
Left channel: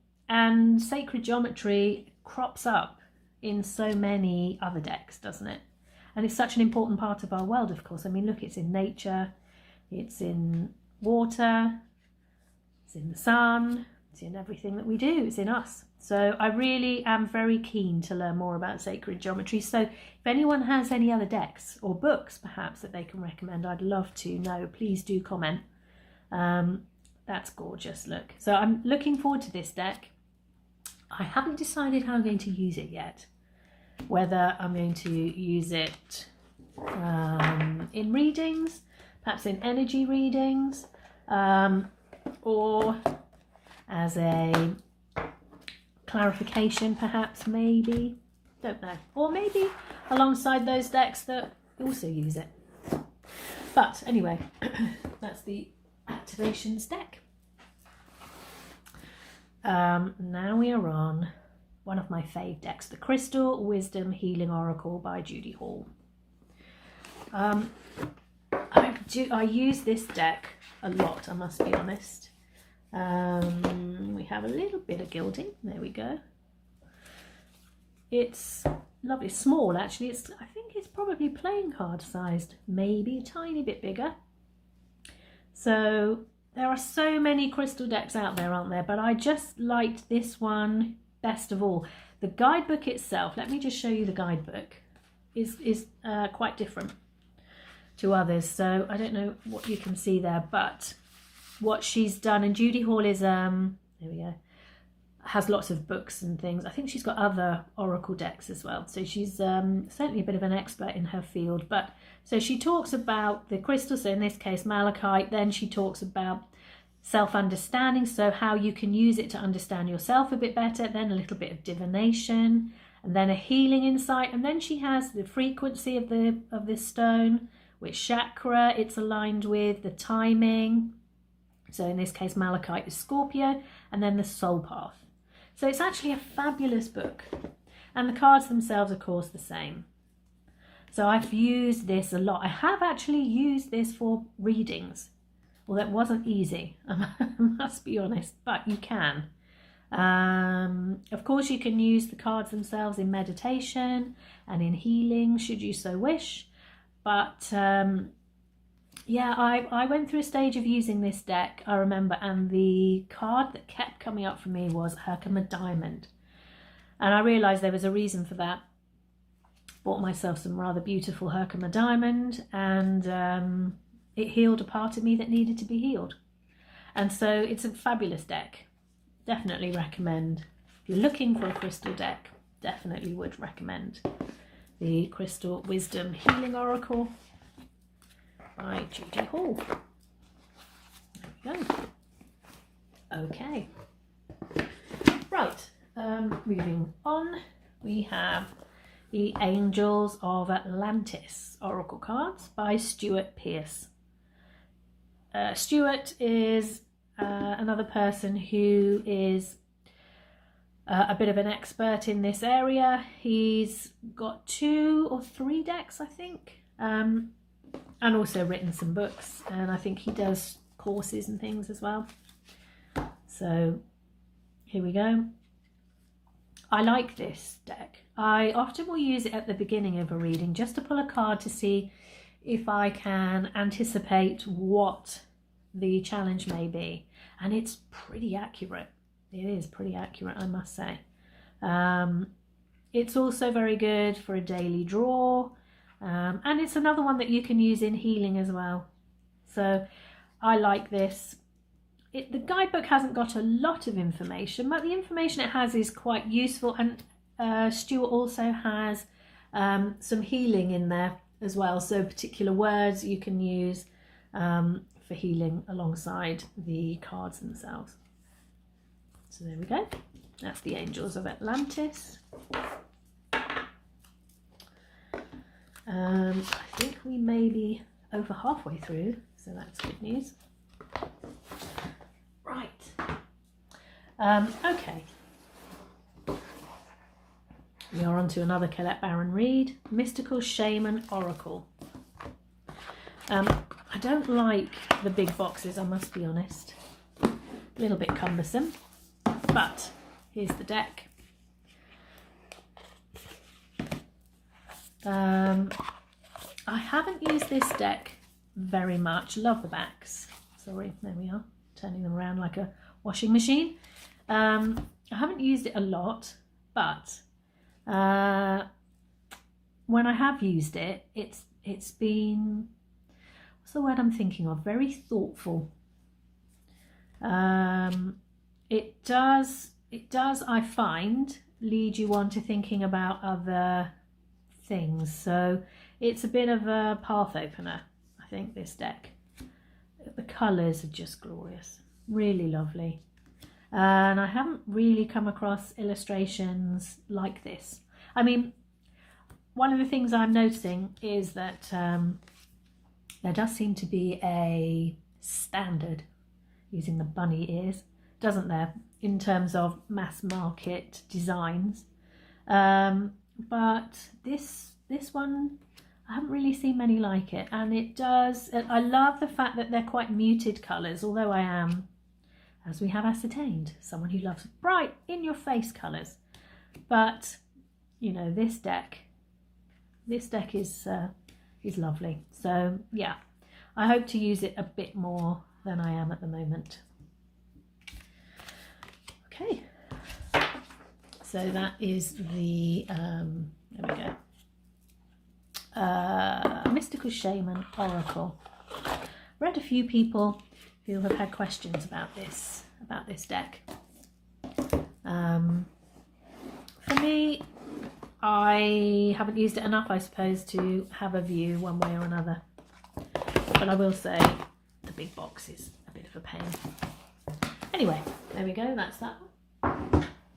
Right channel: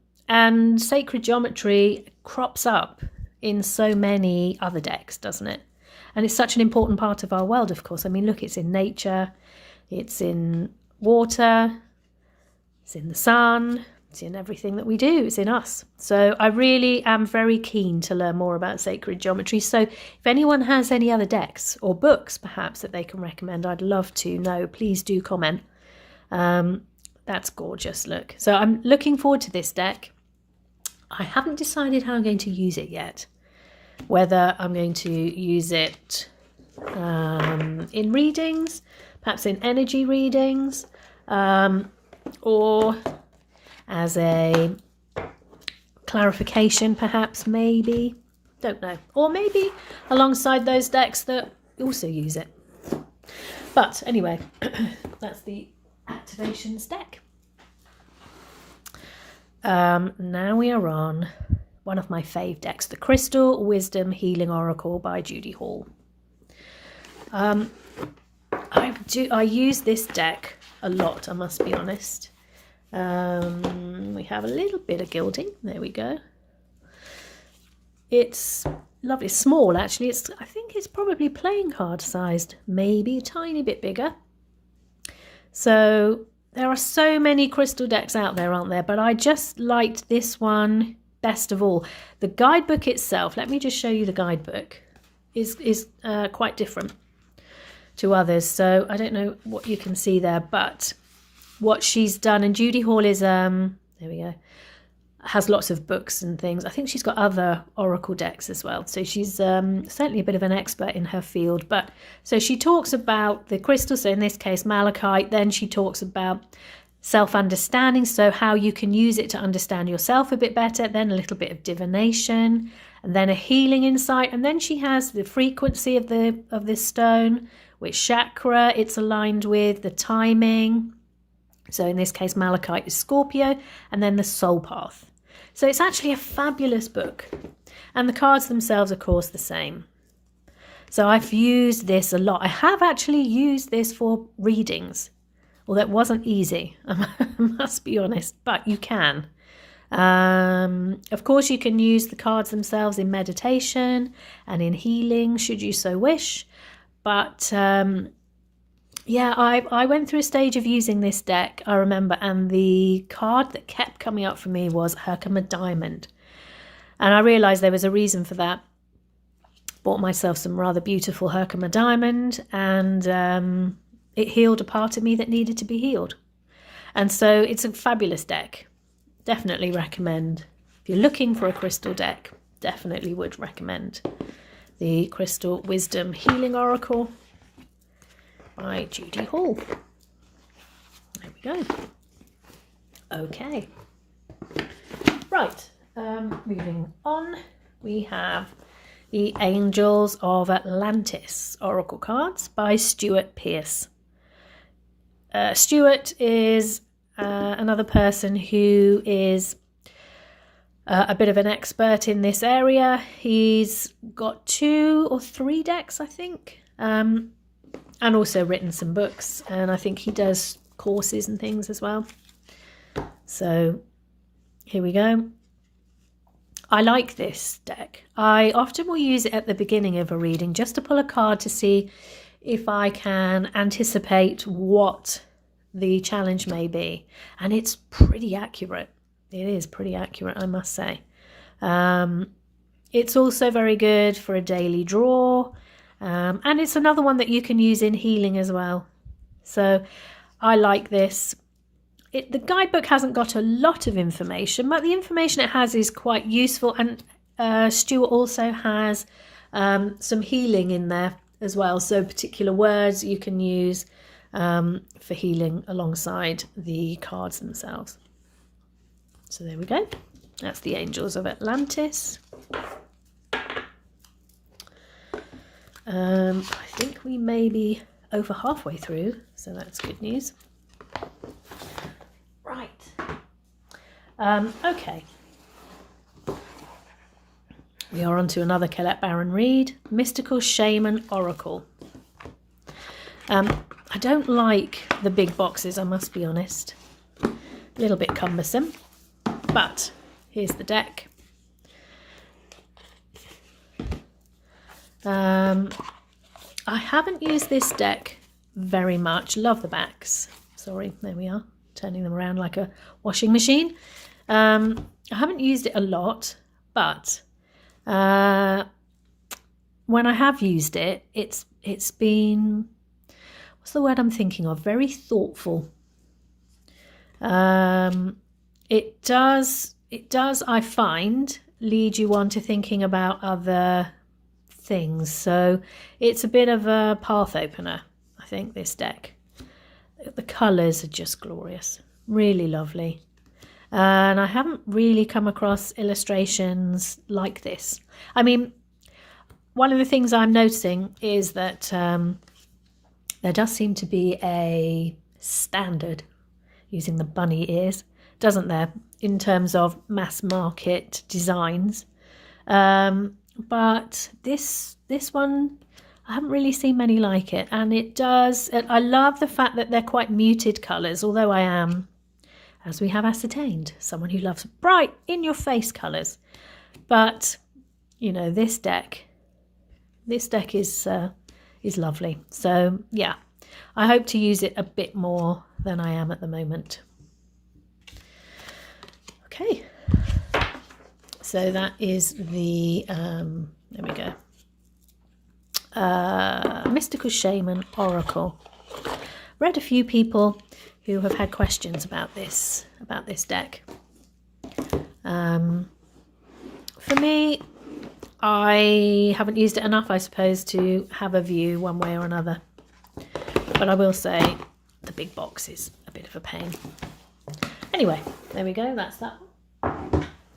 sacred geometry crops up in so many other decks, doesn't it? And it's such an important part of our world, of course. I mean, look, it's in nature, it's in water, it's in the sun, it's in everything that we do, it's in us. So I really am very keen to learn more about sacred geometry. So if anyone has any other decks or books perhaps that they can recommend, I'd love to know. Please do comment. That's gorgeous, look. So I'm looking forward to this deck. I haven't decided how I'm going to use it yet. Whether I'm going to use it in readings, perhaps in energy readings, or as a clarification, perhaps, maybe. Don't know. Or maybe alongside those decks that also use it. But anyway, that's the activations deck. Now we are on one of my fave decks, the Crystal Wisdom Healing Oracle by Judy Hall. I use this deck a lot, I must be honest. We have a little bit of gilding. There we go. It's lovely. It's small, actually. I think it's probably playing card sized, maybe a tiny bit bigger. So there are so many crystal decks out there, aren't there? But I just liked this one best of all. The guidebook itself, let me just show you the guidebook, is quite different to others. So I don't know what you can see there, but what she's done, and Judy Hall is, there we go, has lots of books and things. I think she's got other oracle decks as well. So she's certainly a bit of an expert in her field. But so she talks about the crystal, so in this case malachite. Then she talks about self-understanding, so how you can use it to understand yourself a bit better. Then a little bit of divination, and then a healing insight. And then she has the frequency of this stone, which chakra it's aligned with, the timing. So in this case, malachite is Scorpio, and then the soul path. So it's actually a fabulous book. And the cards themselves, of course, the same. So I've used this a lot. I have actually used this for readings. Well, that wasn't easy, I must be honest, but you can. Of course, you can use the cards themselves in meditation and in healing, should you so wish. But yeah, I went through a stage of using this deck, I remember, and the card that kept coming up for me was Herkimer Diamond. And I realised there was a reason for that. Bought myself some rather beautiful Herkimer Diamond, and it healed a part of me that needed to be healed. And so it's a fabulous deck. Definitely recommend. If you're looking for a crystal deck, definitely would recommend the Crystal Wisdom Healing Oracle by Judy Hall. There we go. Okay. Right. Moving on, we have the Angels of Atlantis Oracle cards by Stuart Pearce. Stuart is another person who is a bit of an expert in this area. He's got 2 or 3 decks, I think. And also written some books, and I think he does courses and things as well. So here we go. I like this deck. I often will use it at the beginning of a reading just to pull a card to see if I can anticipate what the challenge may be. And it's pretty accurate. It is pretty accurate, I must say. It's also very good for a daily draw. And it's another one that you can use in healing as well. So I like this. The guidebook hasn't got a lot of information, but the information it has is quite useful. And Stuart also has some healing in there as well. So particular words you can use for healing alongside the cards themselves. So there we go. That's the Angels of Atlantis. I think we may be over halfway through, so that's good news. Right. Okay. We are on to another Colette Baron Reid, Mystical Shaman Oracle. I don't like the big boxes, I must be honest. A little bit cumbersome, but here's the deck. I haven't used this deck very much. Love the backs. Sorry, there we are, turning them around like a washing machine. I haven't used it a lot, but when I have used it, it's been, what's the word I'm thinking of? Very thoughtful. It does, I find, lead you on to thinking about other things. So it's a bit of a path opener, I think, this deck. The colours are just glorious, really lovely. And I haven't really come across illustrations like this. I mean, one of the things I'm noticing is that there does seem to be a standard, using the bunny ears, doesn't there, in terms of mass market designs. But this one, I haven't really seen many like it. And it does, I love the fact that they're quite muted colours, although I am, as we have ascertained, someone who loves bright, in-your-face colours. But, you know, this deck is lovely. So, yeah, I hope to use it a bit more than I am at the moment. Okay, so that is the, there we go, Mystical Shaman Oracle. Read a few people who have had questions about this deck. For me, I haven't used it enough, I suppose, to have a view one way or another. But I will say the big box is a bit of a pain. Anyway, there we go, that's that one.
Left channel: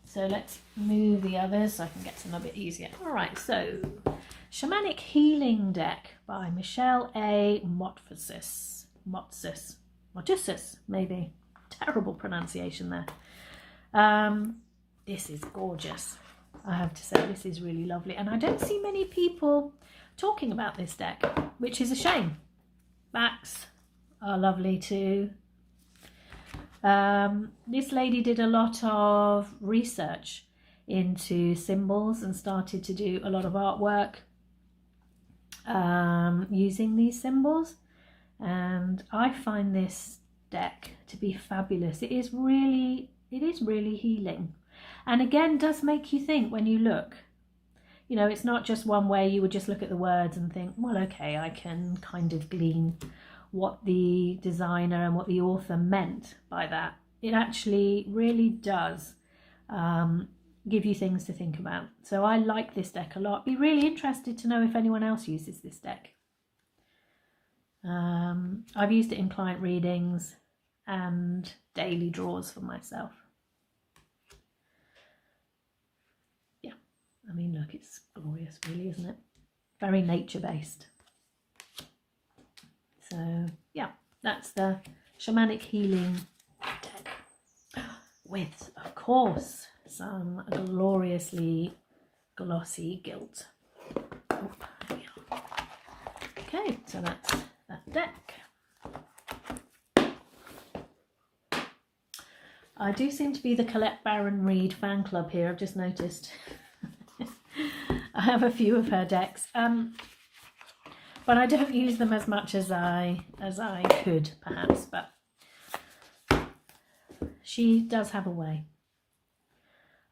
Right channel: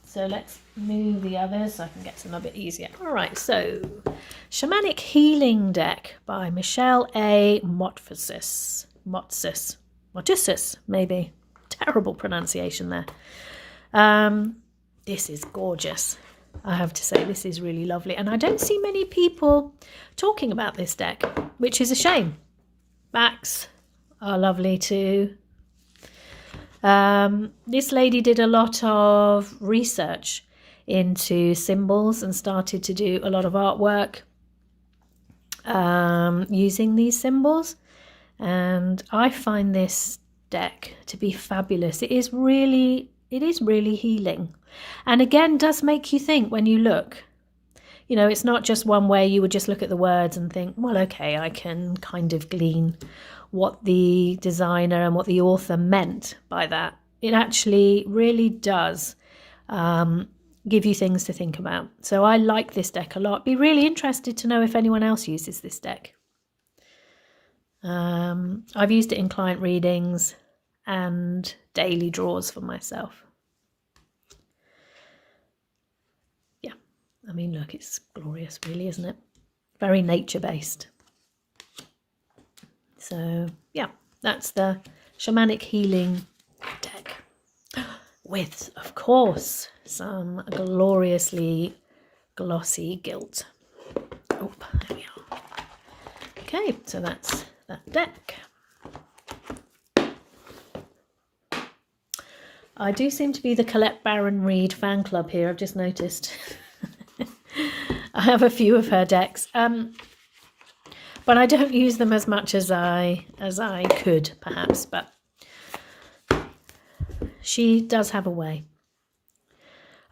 So let's move the others so I can get to them a bit easier. All right, so Shamanic Healing Deck by Michelle A. Motsis, maybe. Terrible pronunciation there. This is gorgeous. I have to say, this is really lovely. And I don't see many people talking about this deck, which is a shame. Backs are lovely too. This lady did a lot of research into symbols and started to do a lot of artwork using these symbols. And I find this deck to be fabulous. It is really healing. And again, does make you think when you look. You know, it's not just one way you would just look at the words and think, well, okay, I can kind of glean what the designer and what the author meant by that. It actually really does give you things to think about. So I like this deck a lot. Be really interested to know if anyone else uses this deck. I've used it in client readings and daily draws for myself. Yeah, I mean, look, it's glorious, really, isn't it? Very nature-based. So, yeah, that's the Shamanic Healing deck. With, of course, some gloriously glossy gilt. Oh, there we are. Okay, so that's that deck. I do seem to be the Colette Baron Reid fan club here, I've just noticed. I have a few of her decks, but I don't use them as much as I could, perhaps, but she does have a way.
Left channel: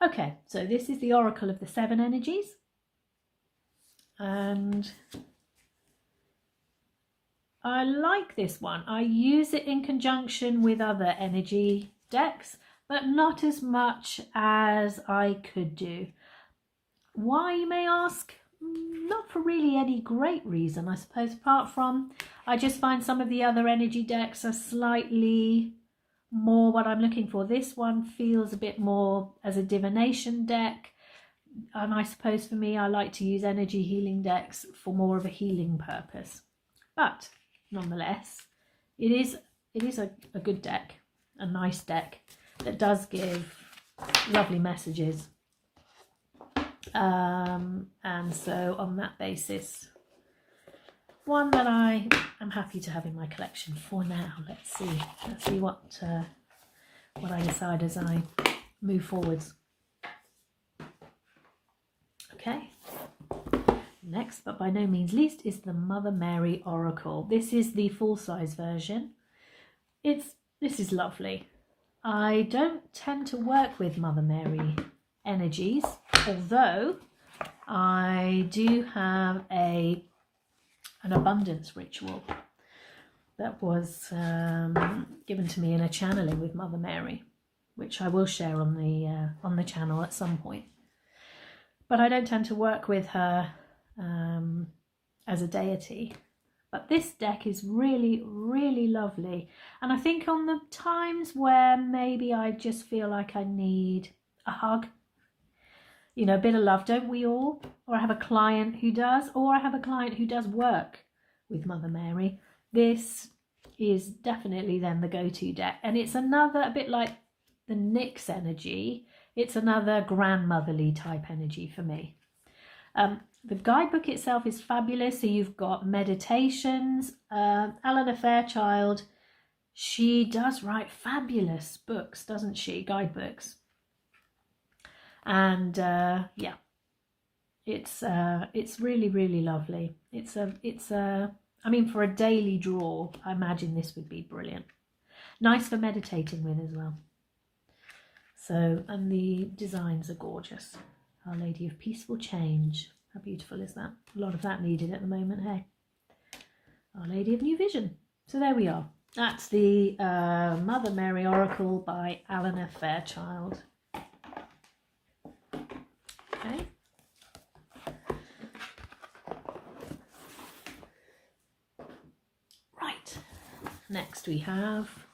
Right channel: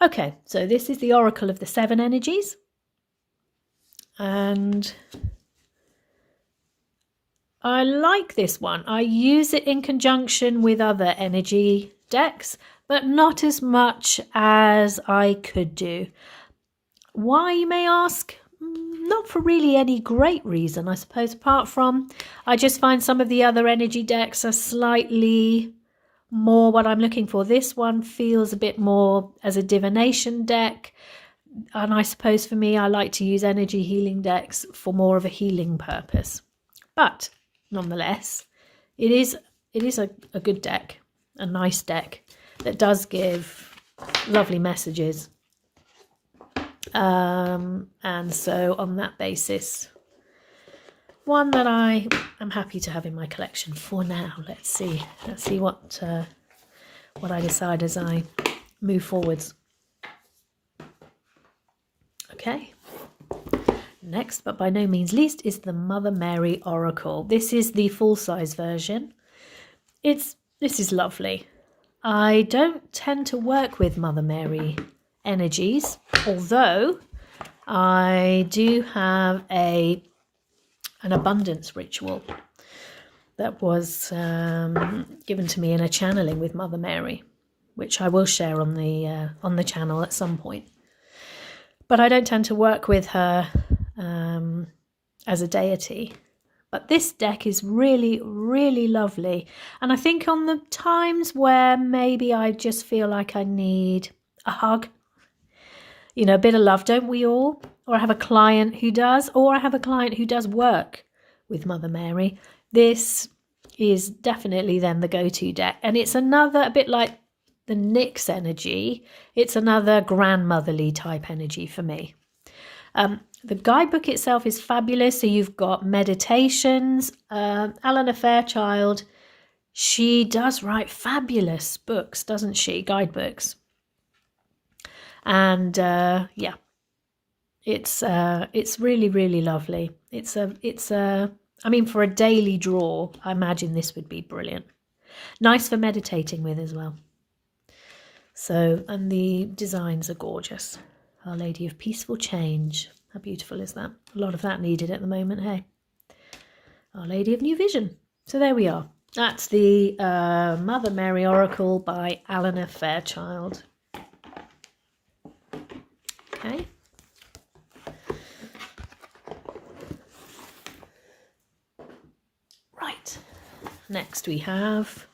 Okay, so this is the Oracle of the Seven Energies, and I like this one. I use it in conjunction with other energy decks, but not as much as I could do. Why, you may ask? Not for really any great reason, I suppose, apart from I just find some of the other energy decks are slightly more what I'm looking for. This one feels a bit more as a divination deck, and I suppose for me I like to use energy healing decks for more of a healing purpose. But nonetheless, it is a good deck, a nice deck that does give lovely messages. And so on that basis, one that I am happy to have in my collection for now. Let's see what I decide as I move forwards. Okay. Next, but by no means least, is the Mother Mary Oracle. This is the full-size version. This is lovely. I don't tend to work with Mother Mary energies, although I do have an abundance ritual that was given to me in a channeling with Mother Mary, which I will share on the channel at some point. But I don't tend to work with her as a deity. But this deck is really, really lovely. And I think on the times where maybe I just feel like I need a hug, you know, a bit of love, don't we all? Or I have a client who does, or I have a client who does work with Mother Mary. This is definitely then the go-to deck. And it's another, a bit like the Nyx energy, it's another grandmotherly type energy for me. The guidebook itself is fabulous. So you've got meditations. Eleanor Fairchild, she does write fabulous books, doesn't she? Guidebooks. And yeah, it's really, really lovely. I mean, for a daily draw, I imagine this would be brilliant. Nice for meditating with as well. So, and the designs are gorgeous. Our Lady of Peaceful Change. How beautiful is that? A lot of that needed at the moment, hey? Our Lady of New Vision. So there we are. That's the Mother Mary Oracle by Eleanor Fairchild. Okay. Right. Next we have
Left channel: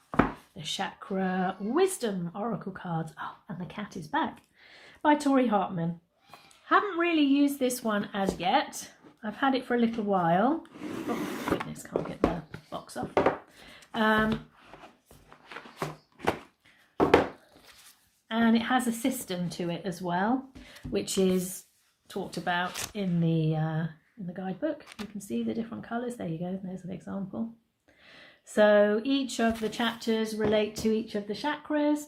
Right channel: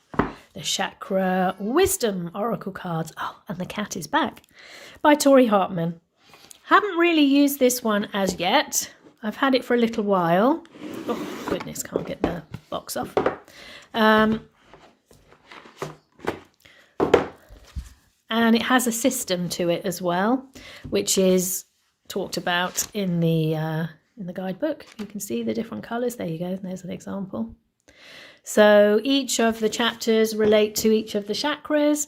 the Chakra Wisdom Oracle cards. Oh, and the cat is back. By Tori Hartman. Haven't really used this one as yet. I've had it for a little while. Oh, goodness, can't get the box off. And it has a system to it as well, which is talked about in the guidebook. You can see the different colours. There you go. There's an example. So each of the chapters relate to each of the chakras,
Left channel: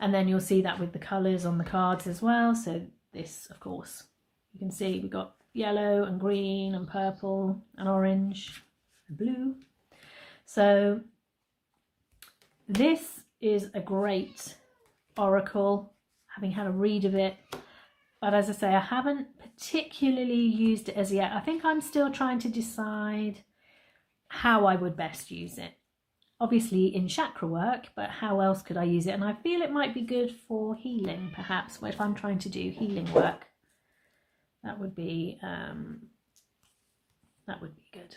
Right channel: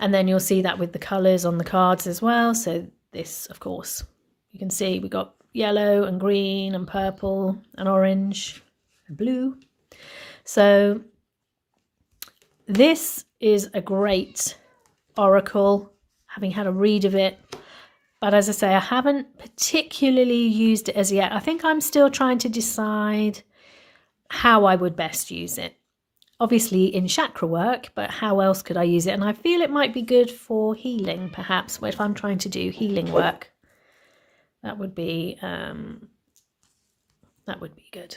and then you'll see that with the colours on the cards as well. So this, of course, you can see we got yellow and green and purple and orange and blue. So this is a great oracle, having had a read of it. But as I say, I haven't particularly used it as yet. I think I'm still trying to decide how I would best use it. Obviously in chakra work, but how else could I use it? And I feel it might be good for healing, perhaps, if I'm trying to do healing work. That would be good.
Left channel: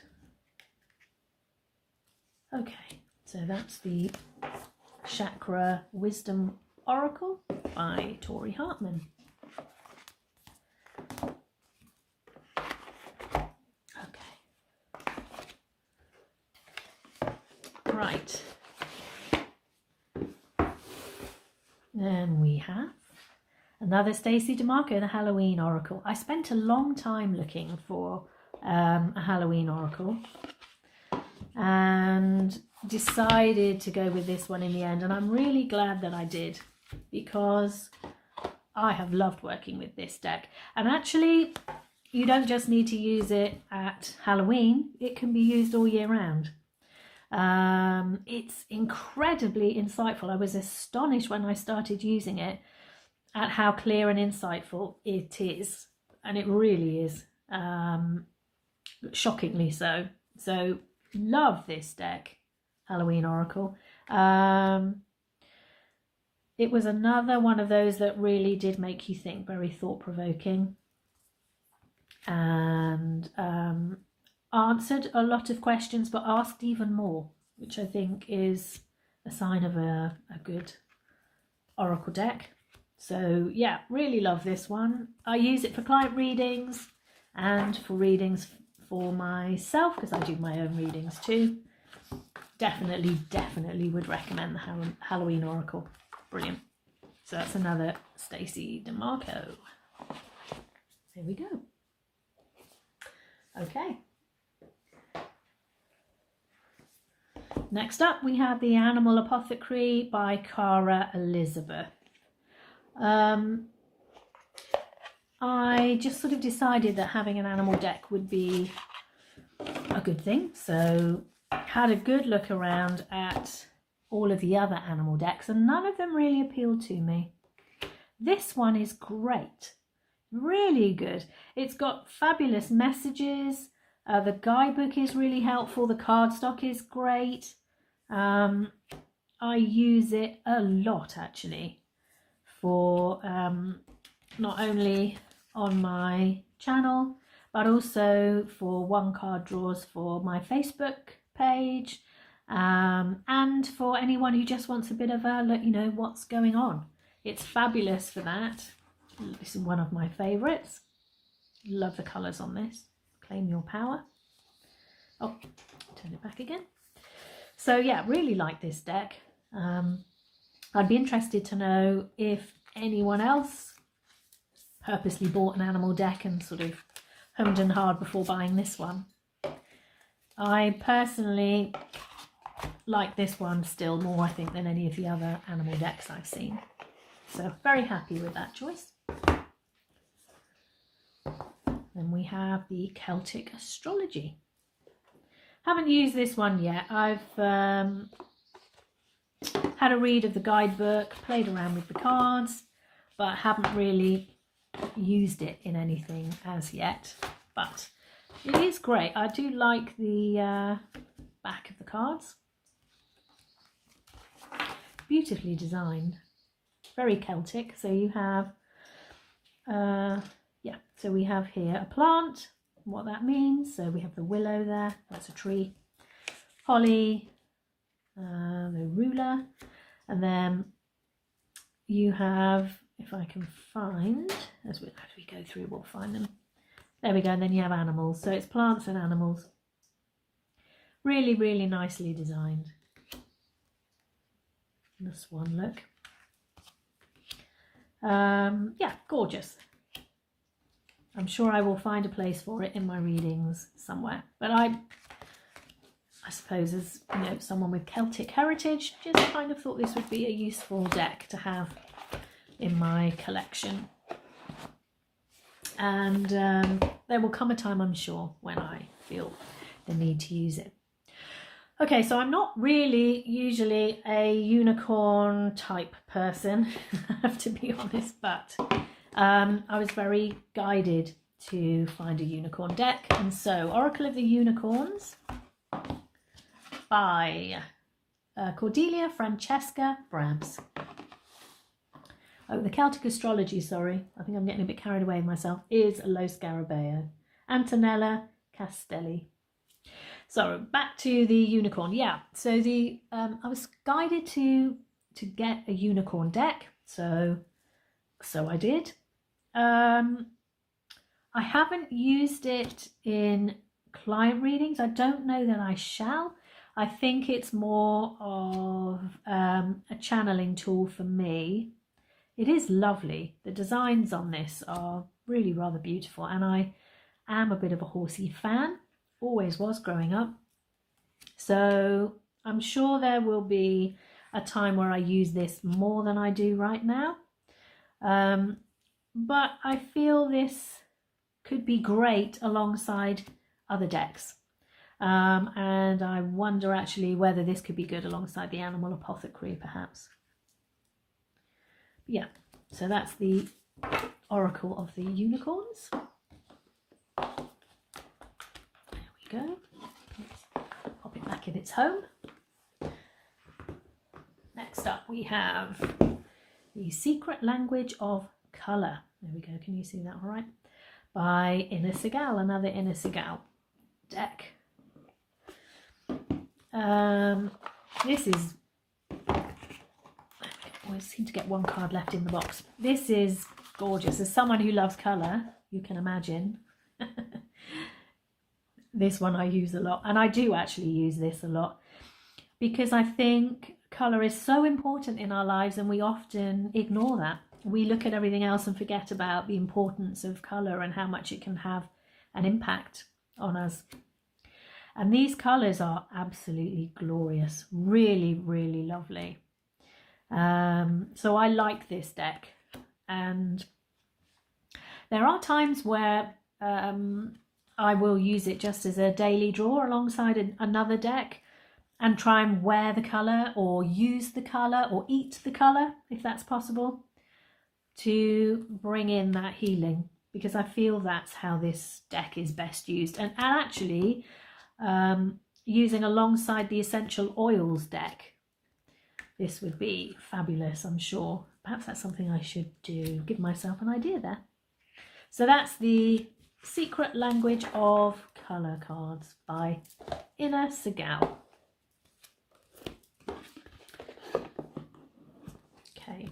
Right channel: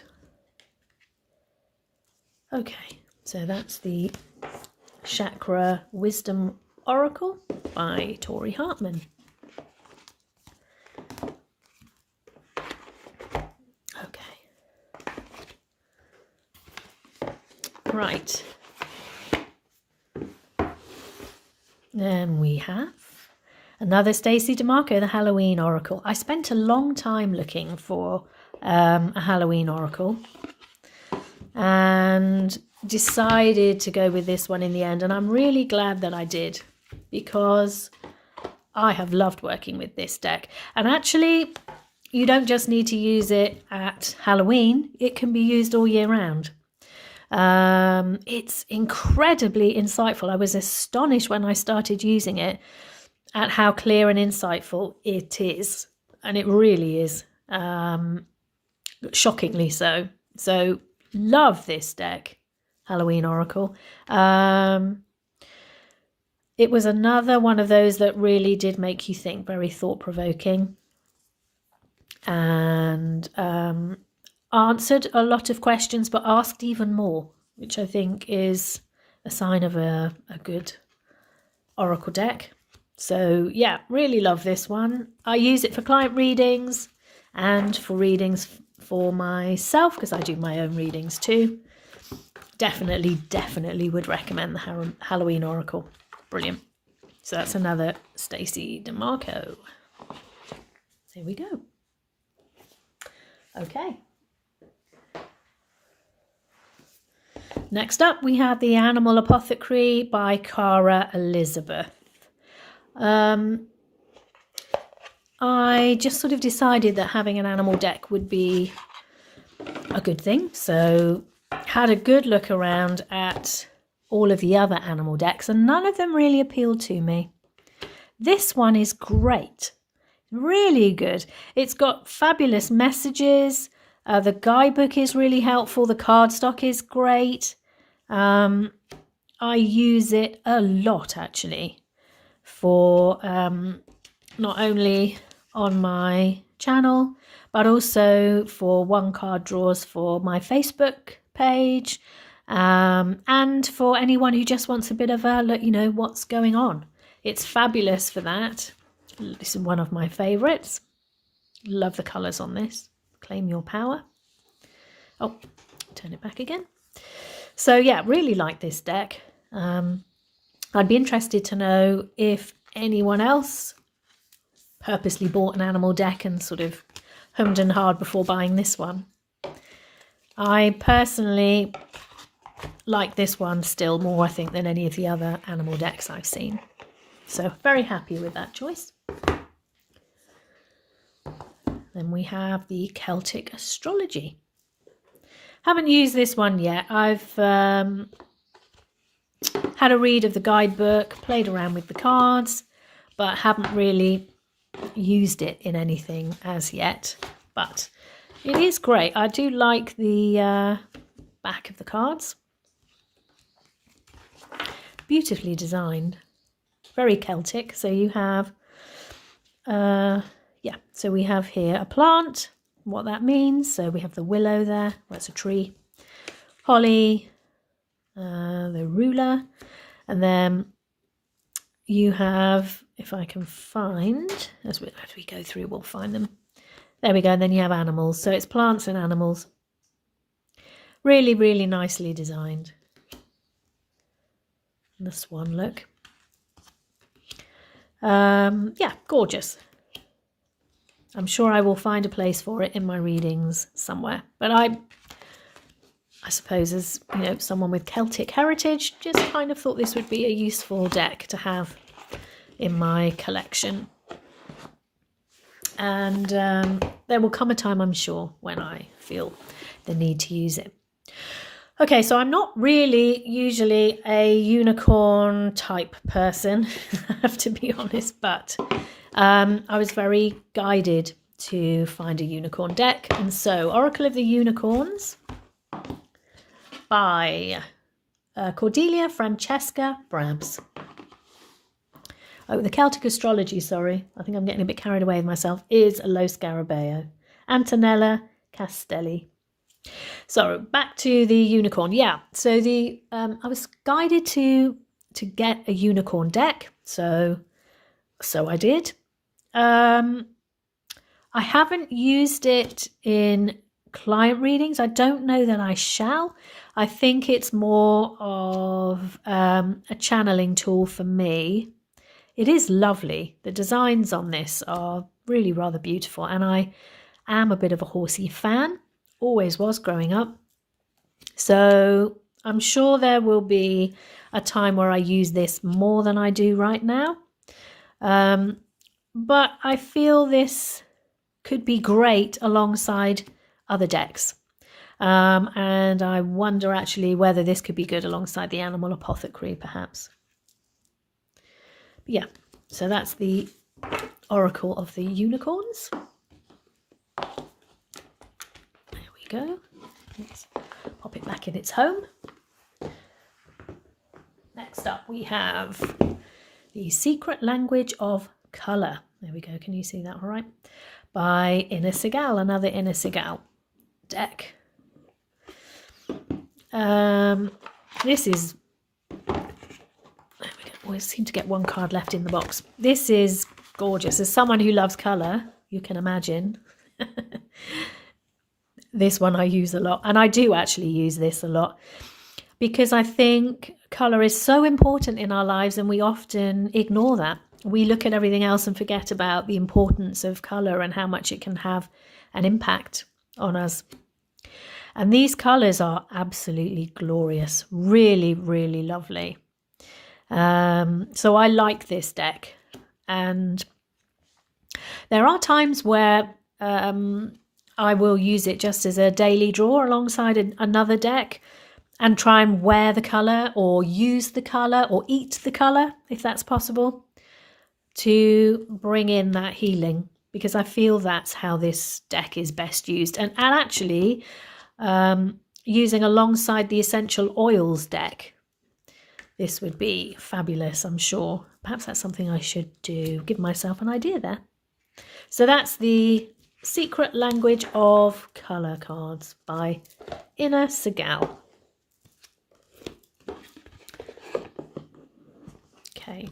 Okay, so that's the Chakra Wisdom Oracle by Tori Hartman. Right, then we have another Stacey DeMarco, the Halloween Oracle. I spent a long time looking for a Halloween Oracle and decided to go with this one in the end, and I'm really glad that I did, because I have loved working with this deck. And actually, you don't just need to use it at Halloween, it can be used all year round. It's incredibly insightful. I was astonished when I started using it at how clear and insightful it is, and it really is, shockingly so. So love this deck, Halloween Oracle. It was another one of those that really did make you think, very thought-provoking. and answered a lot of questions, but asked even more, which I think is a sign of a good oracle deck. So yeah, really love this one. I use it for client readings and for readings for myself, because I do my own readings too. Definitely would recommend the Halloween Oracle. Brilliant. So that's another Stacey DeMarco. Here we go. Okay. Next up, we have The Animal Apothecary by Cara Elizabeth. I just sort of decided that having an animal deck would be a good thing. So had a good look around at all of the other animal decks, and none of them really appealed to me. This one is great. Really good. It's got fabulous messages. The guidebook is really helpful. The cardstock is great. I use it a lot actually for not only on my channel, but also for one card draws for my Facebook page, and for anyone who just wants a bit of a look, you know, what's going on. It's fabulous for that. This is one of my favorites. Love the colors on this. Claim your power. Oh, turn it back again. So yeah, really like this deck. I'd be interested to know if anyone else purposely bought an animal deck and sort of hummed and hawed before buying this one. I personally like this one still more, I think, than any of the other animal decks I've seen. So very happy with that choice. Then we have the Celtic Astrology. Haven't used this one yet. I've had a read of the guidebook, played around with the cards, but haven't really used it in anything as yet. But it is great. I do like the back of the cards. Beautifully designed. Very Celtic. So you have, so we have here a plant, what that means. So we have the willow there, that's a tree. Holly, the ruler, and then you have, if I can find, as we go through, we'll find them. There we go, and then you have animals. So it's plants and animals. Really, really nicely designed. And the swan look. Yeah, gorgeous. I'm sure I will find a place for it in my readings somewhere. But I suppose, as you know, someone with Celtic heritage, just kind of thought this would be a useful deck to have in my collection. And there will come a time, I'm sure, when I feel the need to use it. Okay, so I'm not really usually a unicorn type person, I have to be honest, but I was very guided to find a unicorn deck. And so Oracle of the Unicorns by Cordelia Francesca Brabs. Oh, the Celtic Astrology, sorry. I think I'm getting a bit carried away with myself, is Lo Scarabeo. Antonella Castelli. So back to the unicorn. Yeah, so the I was guided to get a unicorn deck. So I did. I haven't used it in client readings. I don't know that I shall. I think it's more of a channeling tool for me. It is lovely. The designs on this are really rather beautiful, and I am a bit of a horsey fan. Always was growing up. So I'm sure there will be a time where I use this more than I do right now. But I feel this could be great alongside other decks. And I wonder actually whether this could be good alongside the Animal Apothecary, perhaps. But yeah, so that's the Oracle of the Unicorns. There we go. Let's pop it back in its home. Next up we have The Secret Language of Colour. There we go. Can you see that all right? by Inner Segal, another Inner Segal deck. This is, we seem to get one card left in the box. This is gorgeous. As someone who loves colour, you can imagine. This one I use a lot, and I do actually use this a lot because I think colour is so important in our lives and we often ignore that. We look at everything else and forget about the importance of colour and how much it can have an impact on us. And these colours are absolutely glorious, really, really lovely. So I like this deck, and there are times where I will use it just as a daily draw alongside another deck and try and wear the colour or use the colour or eat the colour, if that's possible, to bring in that healing, because I feel that's how this deck is best used. And actually using alongside the essential oils deck, this would be fabulous, I'm sure. Perhaps that's something I should do, give myself an idea there. So that's the Secret Language of Colour cards by Inner Segal. Okay.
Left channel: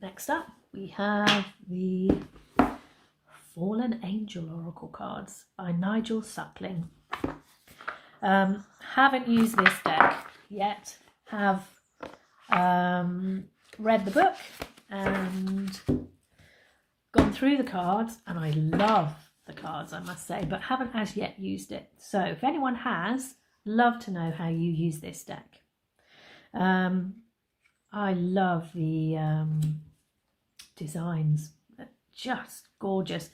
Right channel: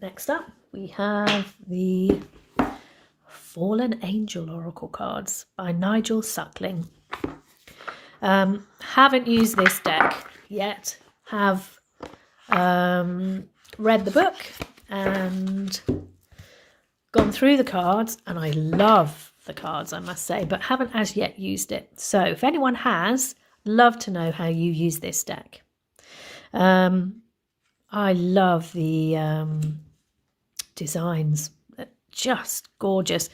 Next up, we have the Fallen Angel Oracle cards by Nigel Suckling. Haven't used this deck yet. Have read the book and gone through the cards, and I love the cards, I must say, but haven't as yet used it. So if anyone has, love to know how you use this deck. I love the designs, just gorgeous.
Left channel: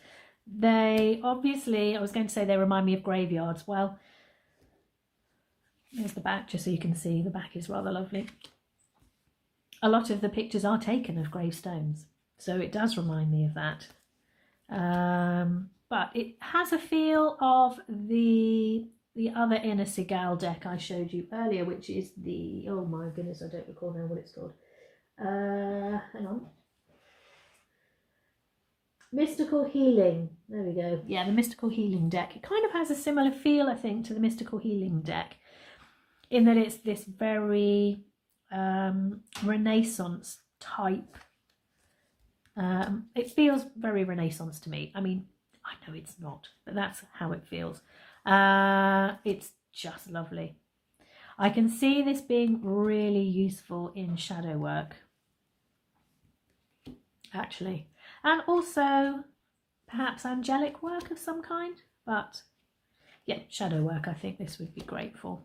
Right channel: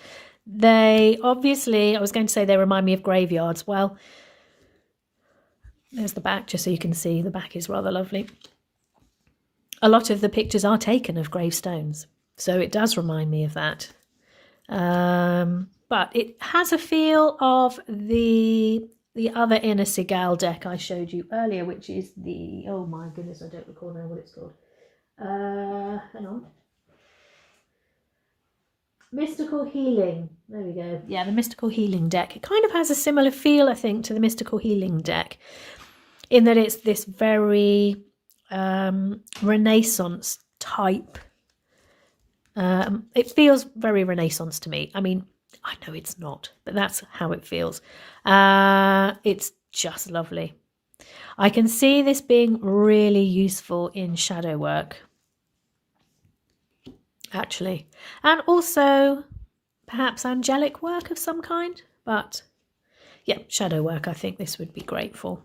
They obviously, I was going to say they remind me of graveyards. Well, there's the back, just so you can see. The back is rather lovely. A lot of the pictures are taken of gravestones, so it does remind me of that. But it has a feel of the other Inner Segal deck I showed you earlier, which is the, oh my goodness, I don't recall now what it's called. Hang on. Mystical Healing. There we go. Yeah, the Mystical Healing deck. It kind of has a similar feel, I think, to the Mystical Healing deck, in that it's this very Renaissance type. It feels very Renaissance to me. I mean, I know it's not, but that's how it feels. It's just lovely. I can see this being really useful in shadow work, actually, and also perhaps angelic work of some kind. But yeah, shadow work I think this would be great for.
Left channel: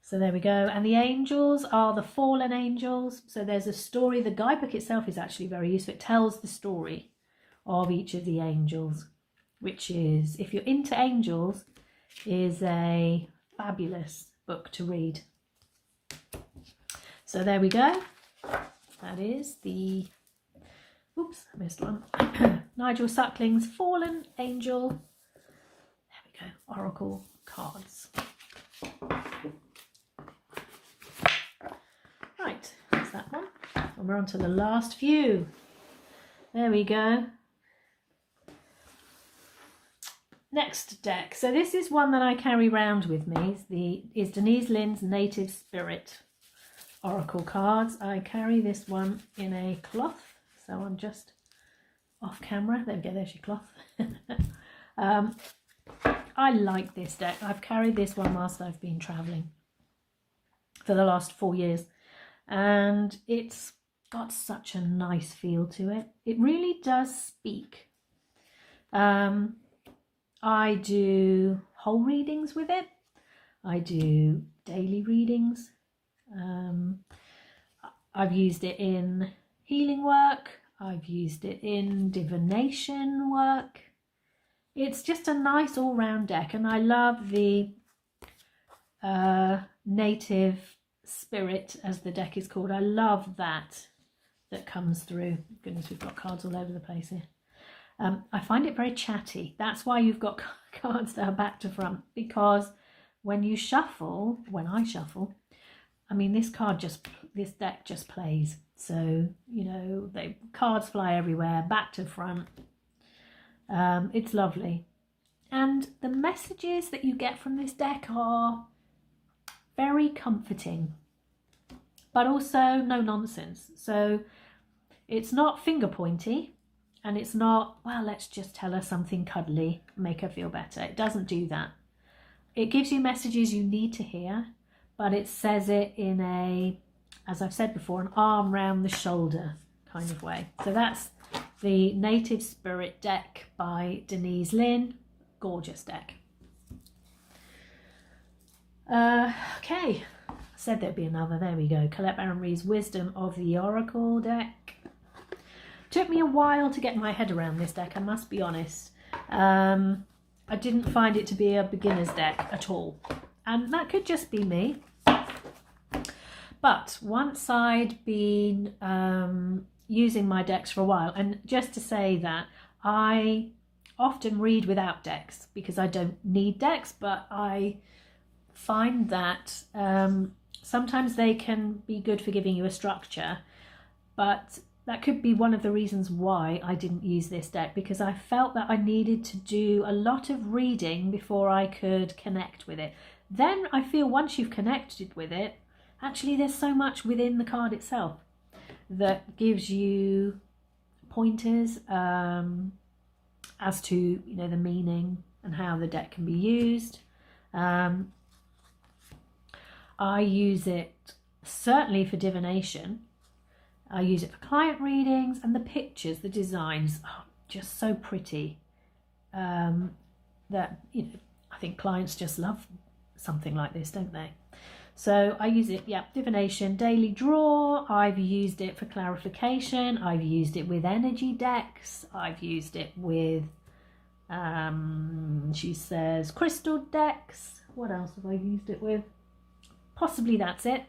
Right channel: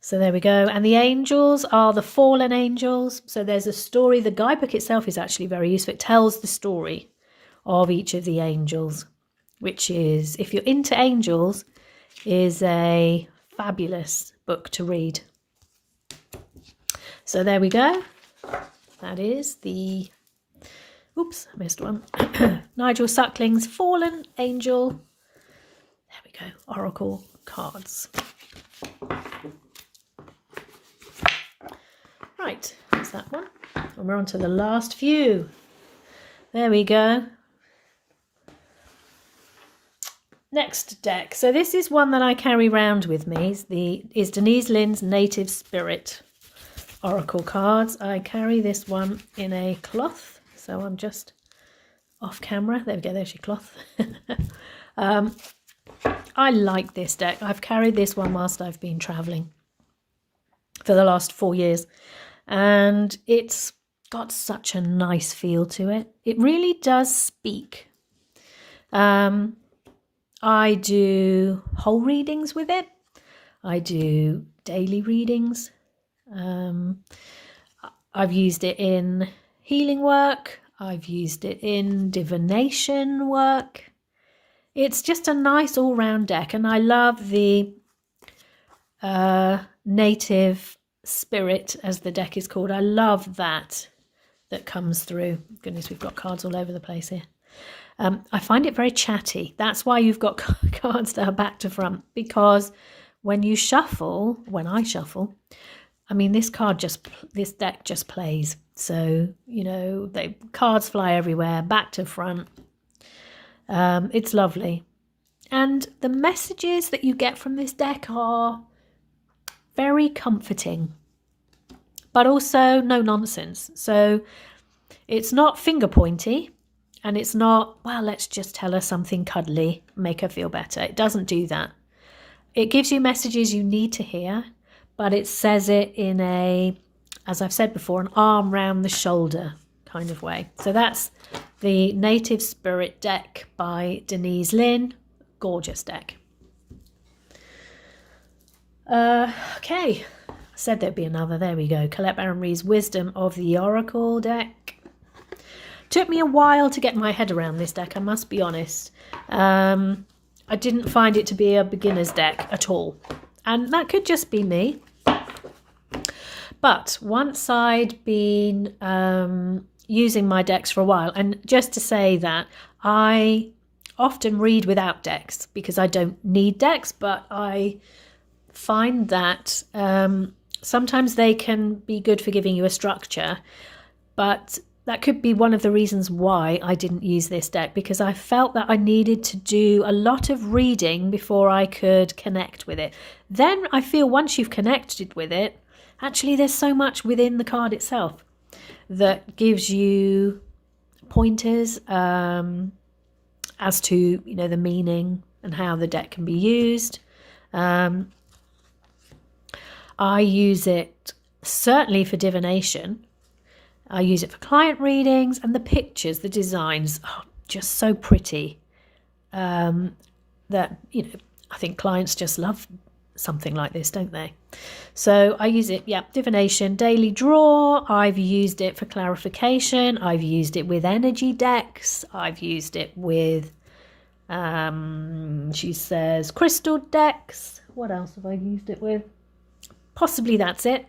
So there we go. And the angels are the fallen angels. So there's a story. The guidebook itself is actually very useful. It tells the story of each of the angels, which is, if you're into angels, is a fabulous book to read. So there we go. That is the, oops, I missed one. Nigel Suckling's Fallen Angel. There we go. Oracle cards. Right, that's that one. And we're on to the last few. There we go. Next deck. So this is one that I carry around with me. Is Denise Lynn's Native Spirit Oracle cards. I carry this one in a cloth. So I'm just off camera. There we go, there's your cloth. I like this deck. I've carried this one whilst I've been travelling for the last 4 years. And it's got such a nice feel to it. It really does speak. I do whole readings with it. I do daily readings. I've used it in healing work. I've used it in divination work. It's just a nice all-round deck, and I love the native spirit, as the deck is called. I love that comes through. Goodness, we've got cards all over the place here. I find it very chatty. That's why you've got cards that are back to front, because when you shuffle, when I shuffle, I mean, this deck just plays. So, you know, cards fly everywhere, back to front. It's lovely. And the messages that you get from this deck are very comforting, but also no nonsense. So it's not finger pointy, and it's not, well, let's just tell her something cuddly, make her feel better. It doesn't do that. It gives you messages you need to hear, but it says it in a, as I've said before, an arm round the shoulder kind of way. So that's the Native Spirit deck by Denise Lynn. Gorgeous deck. Okay, I said there'd be another. There we go. Colette Baron Reid's Wisdom of the Oracle deck. Took me a while to get my head around this deck, I must be honest. I didn't find it to be a beginner's deck at all. And that could just be me. But once I'd been using my decks for a while, and just to say that I often read without decks because I don't need decks, but I find that sometimes they can be good for giving you a structure, but that could be one of the reasons why I didn't use this deck, because I felt that I needed to do a lot of reading before I could connect with it. Then I feel once you've connected with it, actually there's so much within the card itself that gives you pointers as to, you know, the meaning and how the deck can be used. I use it certainly for divination. I use it for client readings, and the pictures, the designs are just so pretty that, you know, I think clients just love something like this, don't they? So I use it, yeah, divination, daily draw. I've used it for clarification. I've used it with energy decks. I've used it with, she says, crystal decks. What else have I used it with? Possibly that's it.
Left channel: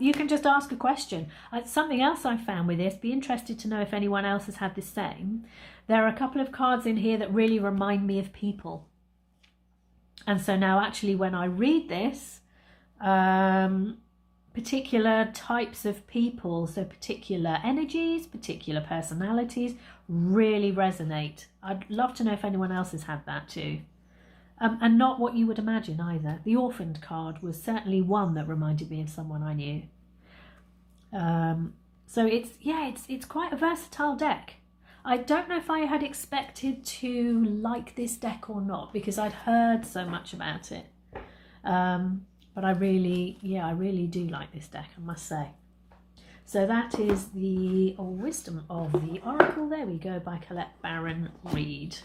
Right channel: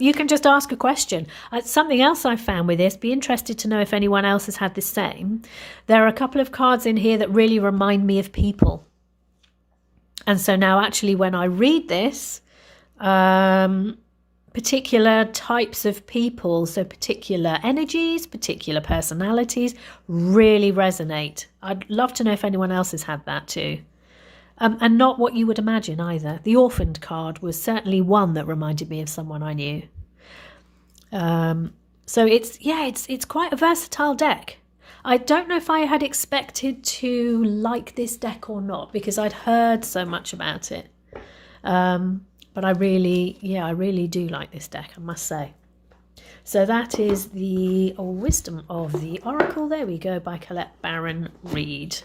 You can just ask a question. Something else I found with this, be interested to know if anyone else has had the same. There are a couple of cards in here that really remind me of people. And so now actually when I read this, particular types of people, so particular energies, particular personalities really resonate. I'd love to know if anyone else has had that too. And not what you would imagine either. The Orphaned card was certainly one that reminded me of someone I knew. So it's quite a versatile deck. I don't know if I had expected to like this deck or not, because I'd heard so much about it. But I really do like this deck, I must say. So that is the Wisdom of the Oracle. There we go, by Colette Baron Reid.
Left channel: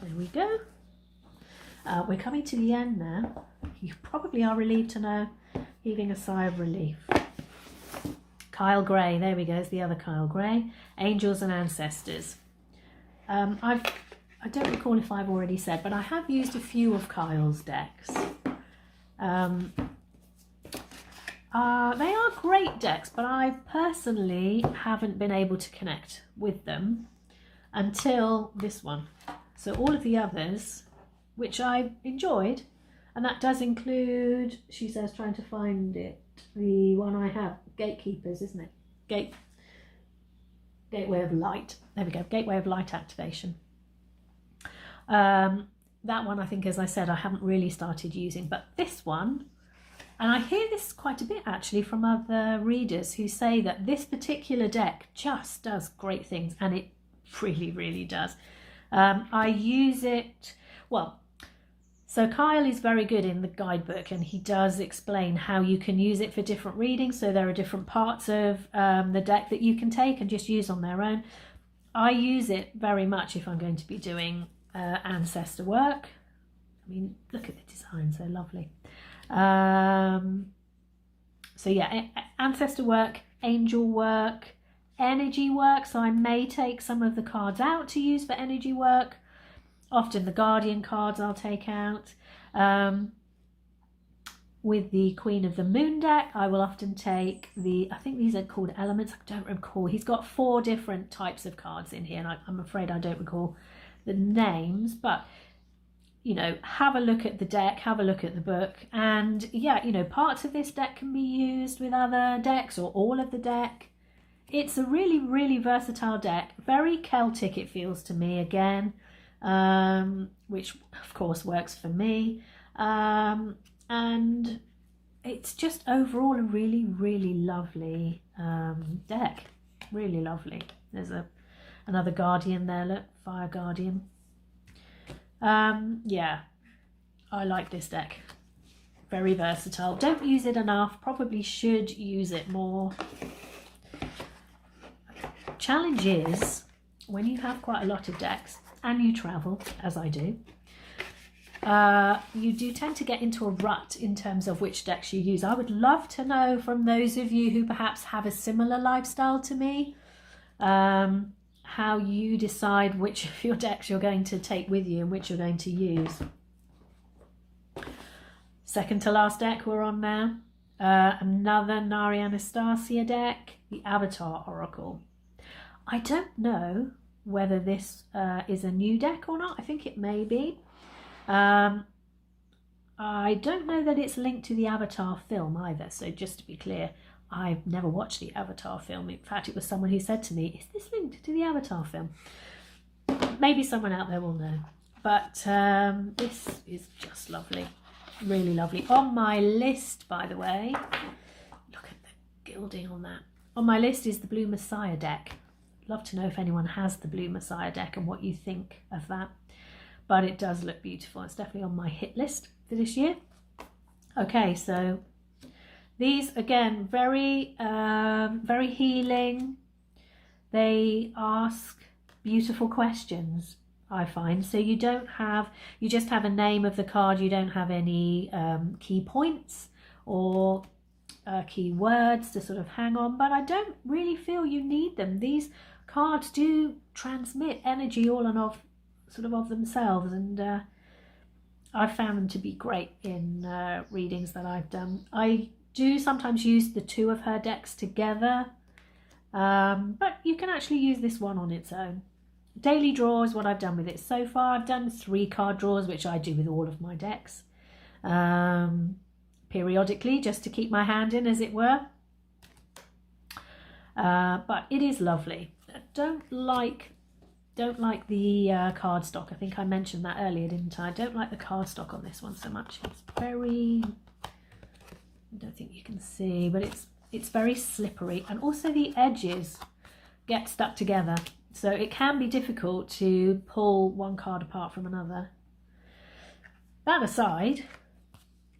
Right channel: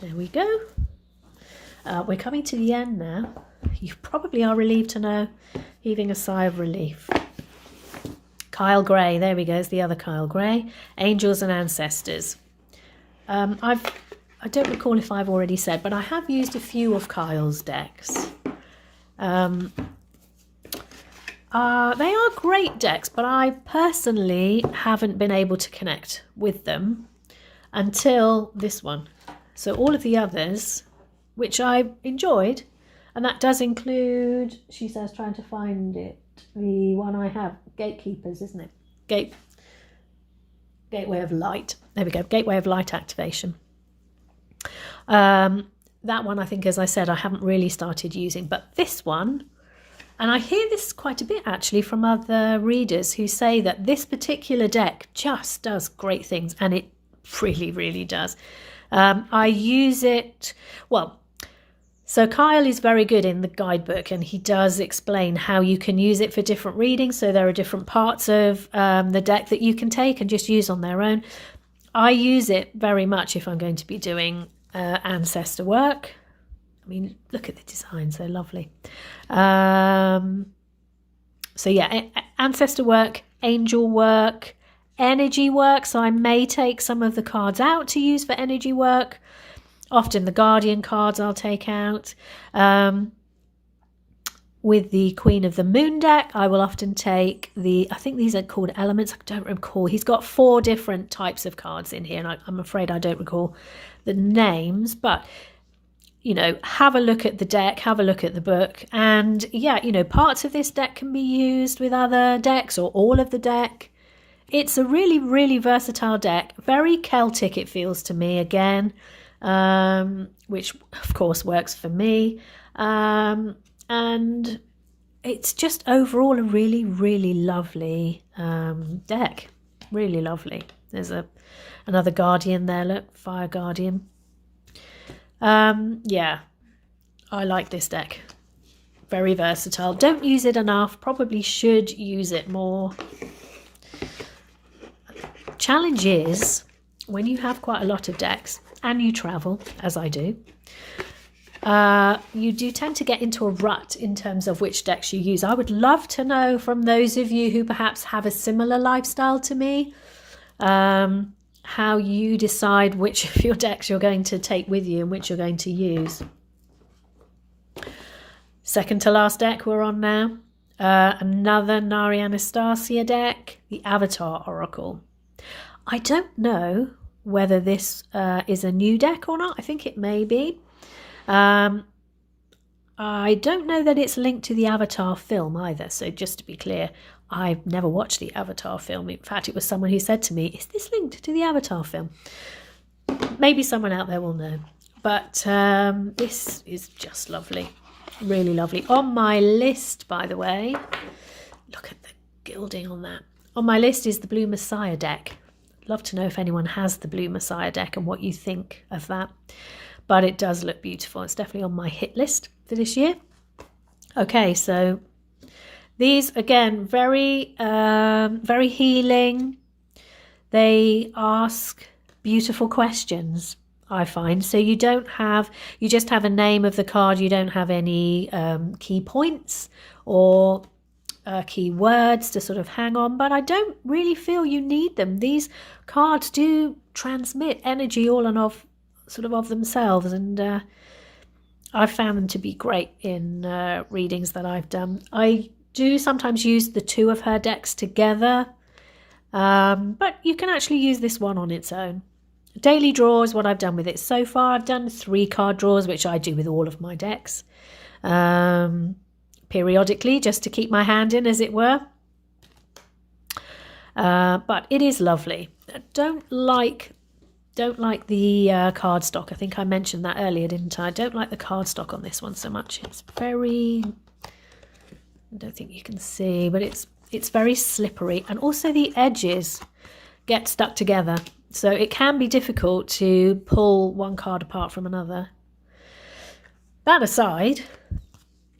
There we go. We're coming to the end now. You probably are relieved to know, heaving a sigh of relief. Kyle Gray, there we go, it's the other Kyle Gray. Angels and Ancestors. I don't recall if I've already said, but I have used a few of Kyle's decks. They are great decks, but I personally haven't been able to connect with them until this one. So all of the others, which I enjoyed, and that does include, she says, trying to find it, the one I have, Gatekeepers, isn't it? Gateway of Light. There we go, Gateway of Light activation. That one, I think, as I said, I haven't really started using, but this one, and I hear this quite a bit actually from other readers who say that this particular deck just does great things, and it really, really does. I use it, well, so Kyle is very good in the guidebook, and he does explain how you can use it for different readings. So there are different parts of the deck that you can take and just use on their own. I use it very much if I'm going to be doing ancestor work. I mean, look at the designs, they're lovely. So yeah, ancestor work, angel work, energy work. So I may take some of the cards out to use for energy work. Often the Guardian cards I'll take out. With the Queen of the Moon deck, I will often take I think these are called elements, I don't recall. He's got 4 different types of cards in here, and I'm afraid I don't recall the names, but you know, have a look at the deck, have a look at the book. And yeah, you know, parts of this deck can be used with other decks or all of the deck. It's a really, really versatile deck. Very Celtic, it feels to me again, which of course works for me. And it's just overall a really, really lovely deck. Really lovely. There's another Guardian there, look, Fire Guardian. Yeah, I like this deck. Very versatile. Don't use it enough. Probably should use it more. Challenge is, when you have quite a lot of decks and you travel, as I do, you do tend to get into a rut in terms of which decks you use. I would love to know from those of you who perhaps have a similar lifestyle to me, how you decide which of your decks you're going to take with you and which you're going to use. Second to last deck we're on now. Another Nari Anastasia deck, the Avatar Oracle. I don't know whether this is a new deck or not. I think it may be. I don't know that it's linked to the Avatar film either. So just to be clear, I've never watched the Avatar film. In fact, it was someone who said to me, is this linked to the Avatar film? Maybe someone out there will know. But this is just lovely. Really lovely. On my list, by the way, look at the gilding on that. On my list is the Blue Messiah deck. Love to know if anyone has the Blue Messiah deck and what you think of that. But it does look beautiful. It's definitely on my hit list for this year. Okay, so these, again, very healing. They ask beautiful questions, I find. So you just have a name of the card. You don't have any key points or key words to sort of hang on, but I don't really feel you need them. These cards do transmit energy all and of themselves, and I've found them to be great in readings that I've done. I do sometimes use the two of her decks together, but you can actually use this one on its own. Daily draw is what I've done with it so far. I've done 3 card draws, which I do with all of my decks. Periodically, just to keep my hand in, as it were. But it is lovely. Don't like the cardstock. I think I mentioned that earlier, didn't I? I don't like the cardstock on this one so much. It's very, I don't think you can see, but it's very slippery, and also the edges get stuck together, so it can be difficult to pull one card apart from another. That aside,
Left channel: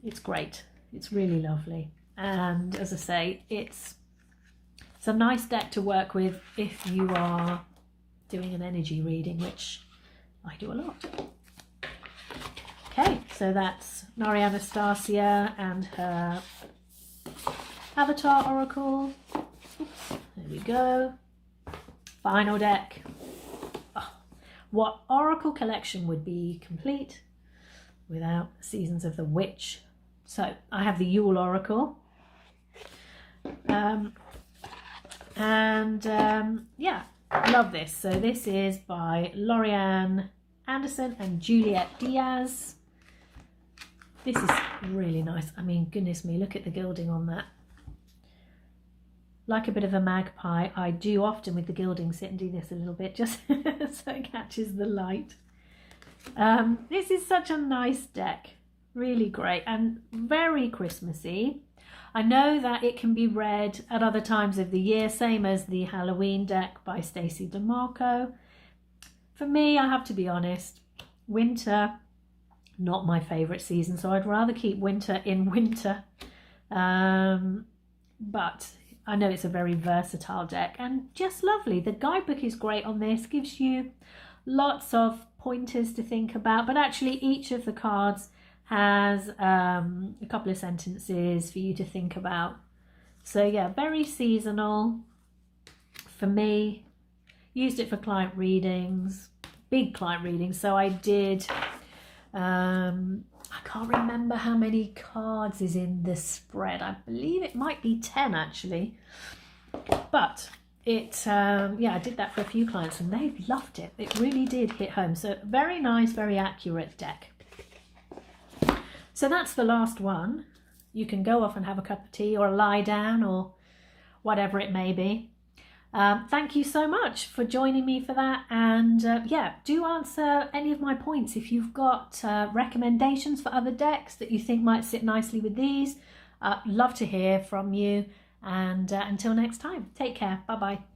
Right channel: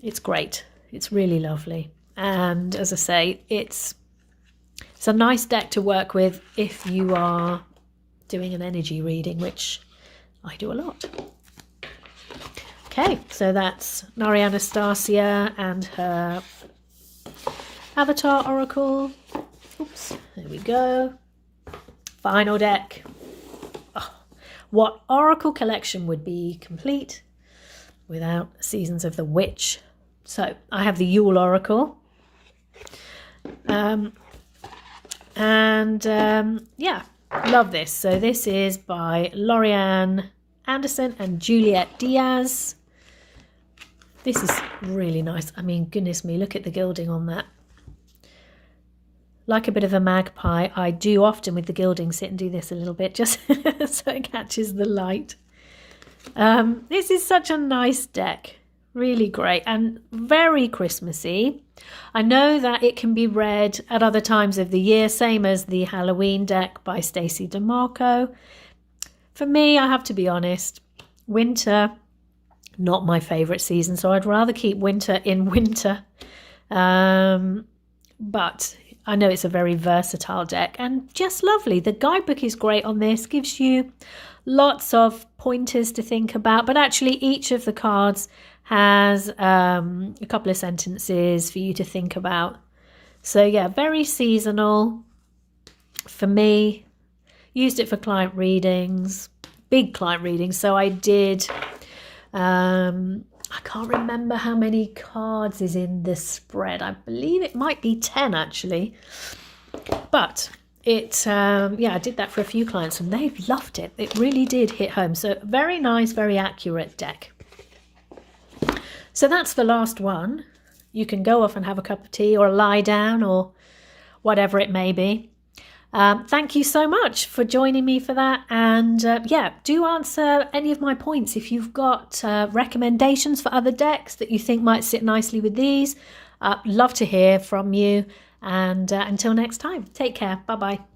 it's great. It's really lovely, and as I say, it's a nice deck to work with if you are doing an energy reading, which I do a lot. Okay, so that's Nari Anastasia and her Avatar Oracle. Oops, there we go. Final deck. Oh, what Oracle collection would be complete without Seasons of the Witch? So I have the Yule Oracle. Yeah, love this. So this is by Lorianne Anderson and Juliette Diaz. This is really nice. I mean, goodness me, look at the gilding on that. Like a bit of a magpie, I do often with the gilding sit and do this a little bit just so it catches the light. This is such a nice deck. Really great and very Christmassy. I know that it can be read at other times of the year, same as the Halloween deck by Stacey DeMarco. For me, I have to be honest, winter, not my favourite season, so I'd rather keep winter in winter. But I know it's a very versatile deck and just lovely. The guidebook is great on this, gives you lots of pointers to think about, but actually each of the cards has a couple of sentences for you to think about. So yeah, very seasonal for me. Used it for client readings, big client readings. So I did, I can't remember how many cards is in the spread. I believe it might be 10 actually. But it, yeah, I did that for a few clients and they loved it. It really did hit home. So very nice, very accurate deck. So that's the last one. You can go off and have a cup of tea or lie down or whatever it may be. Thank you so much for joining me for that. And yeah, do answer any of my points. If you've got recommendations for other decks that you think might sit nicely with these, love to hear from you. And until next time, take care. Bye-bye.